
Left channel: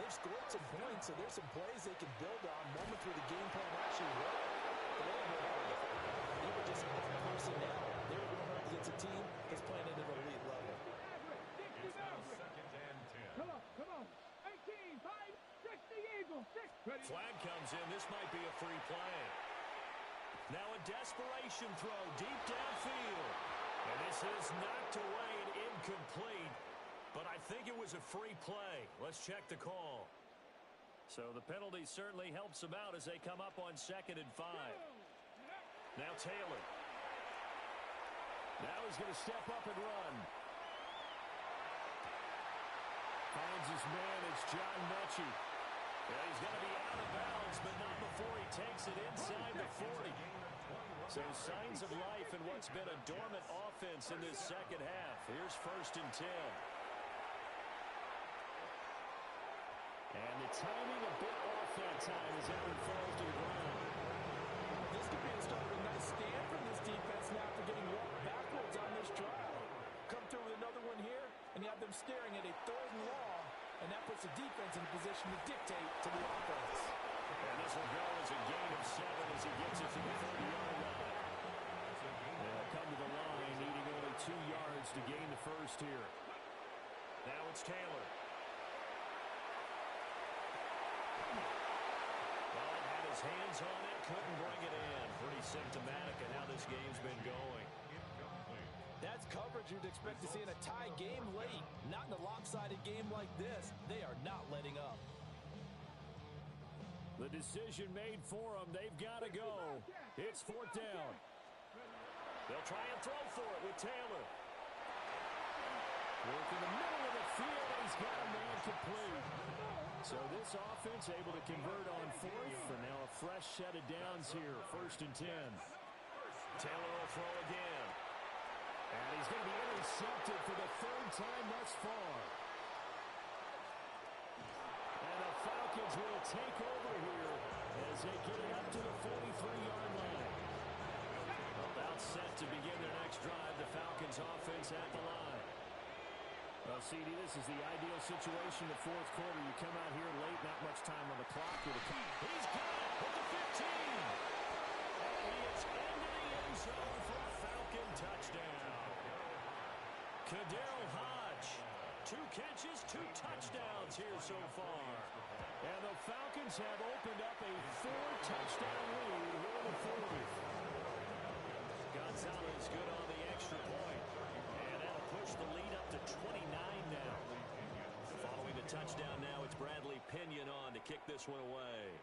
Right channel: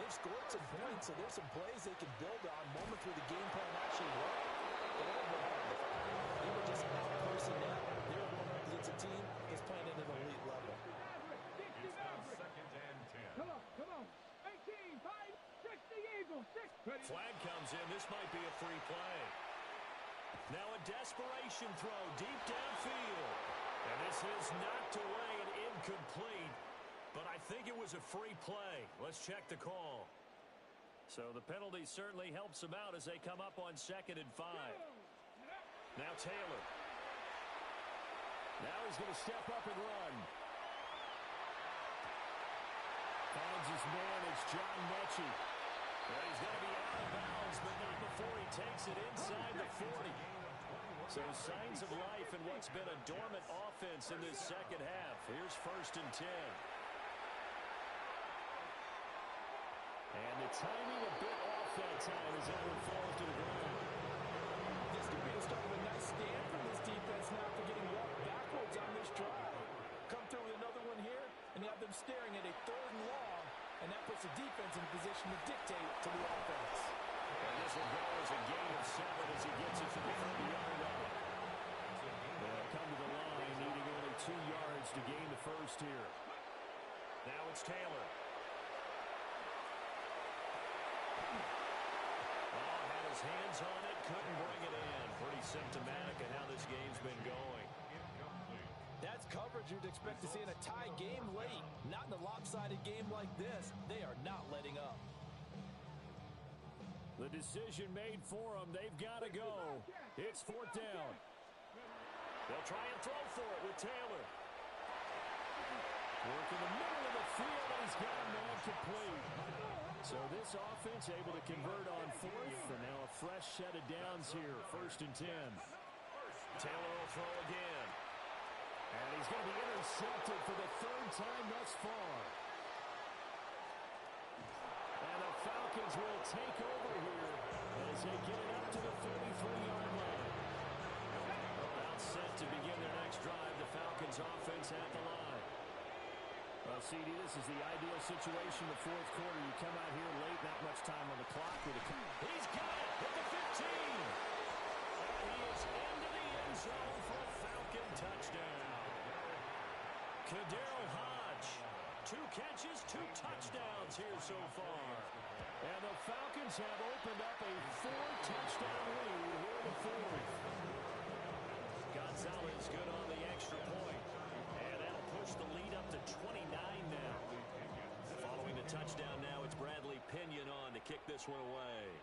they've scored some points, so there's some plays they can build on, moments where the game plan actually worked. But overall, they were just out personnel. They were going up against a team that's playing at an elite level. It's now 2nd and 10. Come on. 18, 5, 6, the Eagles. 6. Flag comes in. This might be a free play. Now a desperation throw deep downfield. And this is knocked away and incomplete. But I think it was a free play. Let's check the call. So the penalty certainly helps them out as they come up on 2nd and 5. Now Taylor. Now he's going to step up and run. Finds his man. It's John Mechie. Well, he's going to be out of bounds, but not before he takes it inside the 40. So signs of life in what's been a dormant offense in this second half. Here's 1st and 10. And the timing a bit off that time as that one falls to the ground. This could be the start of a nice stand from this defense now for getting walked backwards on this drive. Come through with another one here, and you have them staring at a 3rd and long, and that puts the defense in a position to dictate to the offense. And this will go as a gain of 7 as he gets it to the 30-yard line. They'll come to the line, needing only 2 yards to gain the first here. Now it's Taylor. Ball had his hands on it, couldn't bring it in. Pretty symptomatic of how this game's been going. That's coverage you'd expect to see in a tie game late. Not in a lopsided game like this. They are not letting up. The decision made for them. They've got to go. It's 4th down. They'll try and throw for it with Taylor. Work in the middle of the field, and he's got a man complete. So this offense able to convert on 4th, and now a fresh set of downs here. 1st and 10. Taylor will throw again. And he's going to be intercepted for the 3rd time thus far. And the Falcons will take over here as they get it up to the 43-yard line. Well, set to begin their next drive. The Falcons offense at the line. Well, CD, this is the ideal situation. The fourth quarter, you come out here late, not much time on the clock. He's got it at the 15. And he is into the end zone for a Falcon touchdown. KhaDarel Hodge, 2 catches, 2 touchdowns here so far. And the Falcons have opened up a 4-touchdown lead here in the fourth. Gonzalez good on the extra point. And that'll push the lead up to 29 now. Following the touchdown now, it's Bradley Pinion on to kick this one away.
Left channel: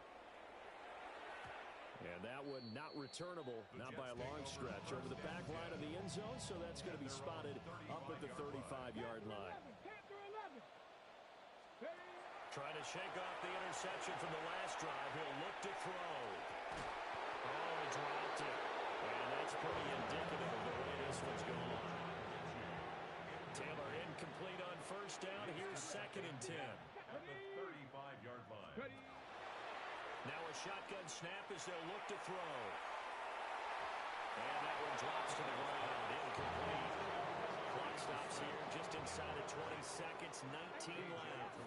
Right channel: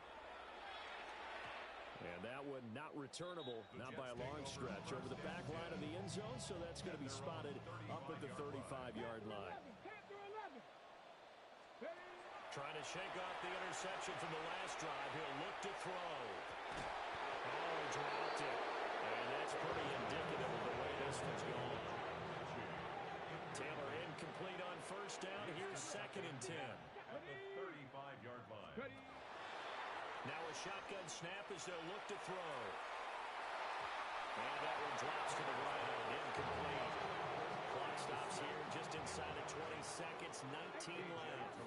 And that one not returnable, not by a long stretch, over the back line of the end zone, so that's going to be spotted up at the 35-yard line. Trying to shake off the interception from the last drive. He'll look to throw. Oh, he dropped it. And that's pretty indicative of the way this one's gone. Taylor incomplete on first down. Here's 2nd and 10. At the 35-yard line. Now a shotgun snap as they'll look to throw. And that one drops to the ground. Incomplete. Clock stops here just inside of 20 seconds. 19 left.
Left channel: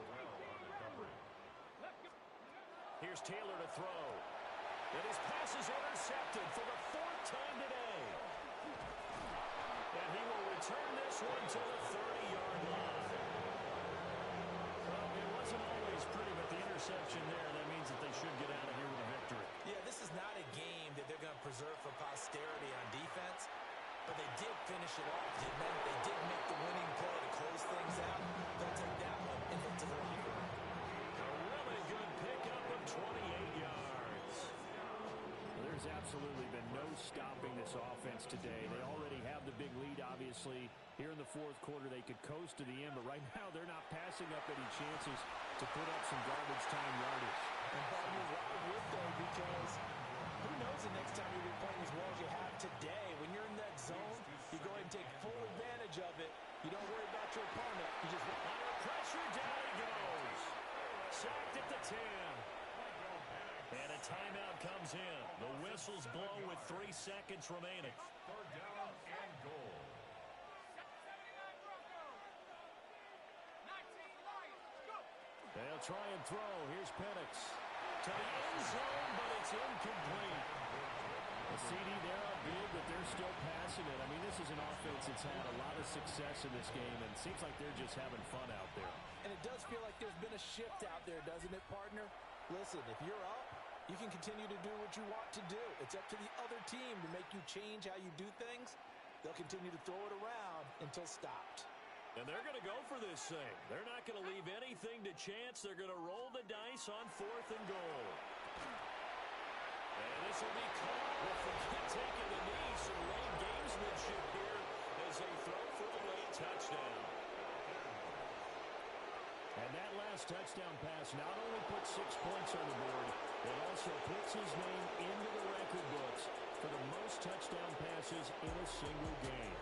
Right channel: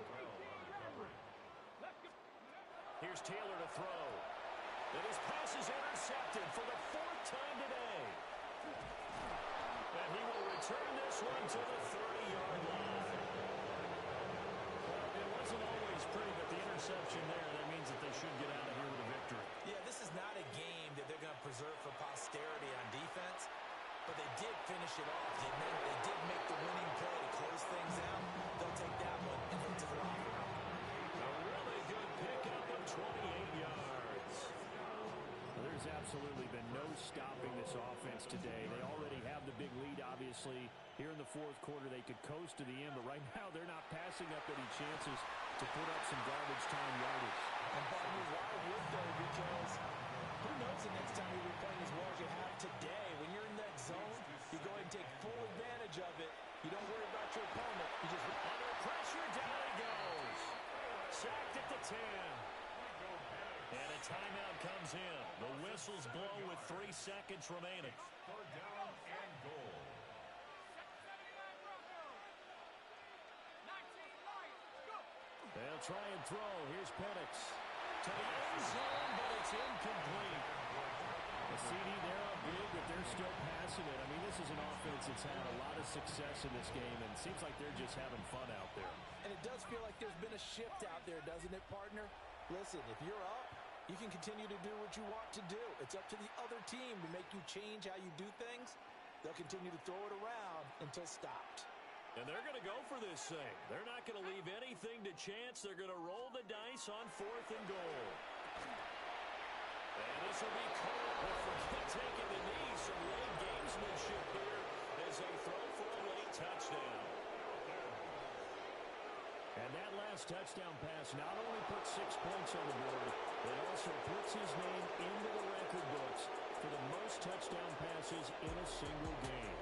Here's Taylor to throw. And his pass is intercepted for the 4th time today. And he will return this one to the 30-yard line. Well, it wasn't always pretty, but the interception there, that means that they should get out of here with a victory. Yeah, this is not a game that they're going to preserve for posterity on defense, but they did finish it off, didn't they? They did make the winning play to close things out. They'll take that one and head to the locker room. A really good pickup of 28 yards. Well, there's absolutely been no stopping this offense today. They already have the big lead, obviously. Here in the fourth quarter, they could coast to the end, but right now they're not passing up any chances to put up some garbage time yardage. And partner, why would they? Because who knows the next time you'll be playing as well as you have today. When you're in that zone, you go ahead and take full advantage of it. You don't worry about your opponent. You just under pressure, down he goes. Sacked at the 10. And a timeout comes in. The whistles blow with 3 seconds remaining. 3rd down and goal. 79 Broncos. 19 Lions. Go. They'll try and throw. Here's Penix to the end zone, but it's incomplete. The CD, they're up big, but they're still passing it. I mean, this is an offense that's had a lot of success in this game, and it seems like they're just having fun out there. And it does feel like there's been a shift out there, doesn't it, partner? Listen, if you're up, you can continue to do what you want to do. It's up to the other team to make you change how you do things. They'll continue to throw it around until stopped. And they're going to go for this thing. They're not going to leave anything to chance. They're going to roll the dice on 4th and goal. And this will be caught. We'll forget taking the knee. Some late gamesmanship here as they throw for a late touchdown. And that last touchdown pass not only puts 6 points on the board, it also puts his name into the record books for the most touchdown passes in a single game.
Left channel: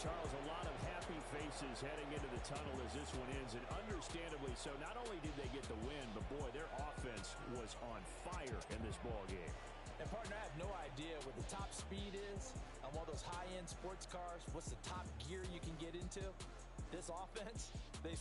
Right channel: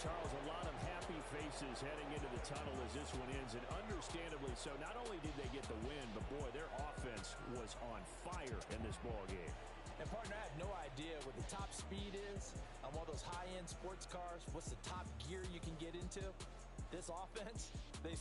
Charles, a lot of happy faces heading into the tunnel as this one ends, and understandably so. Not only did they get the win, but boy, their offense was on fire in this ball game. And partner, I have no idea what the top speed is on one of those high-end sports cars. What's the top gear you can get into? This offense, they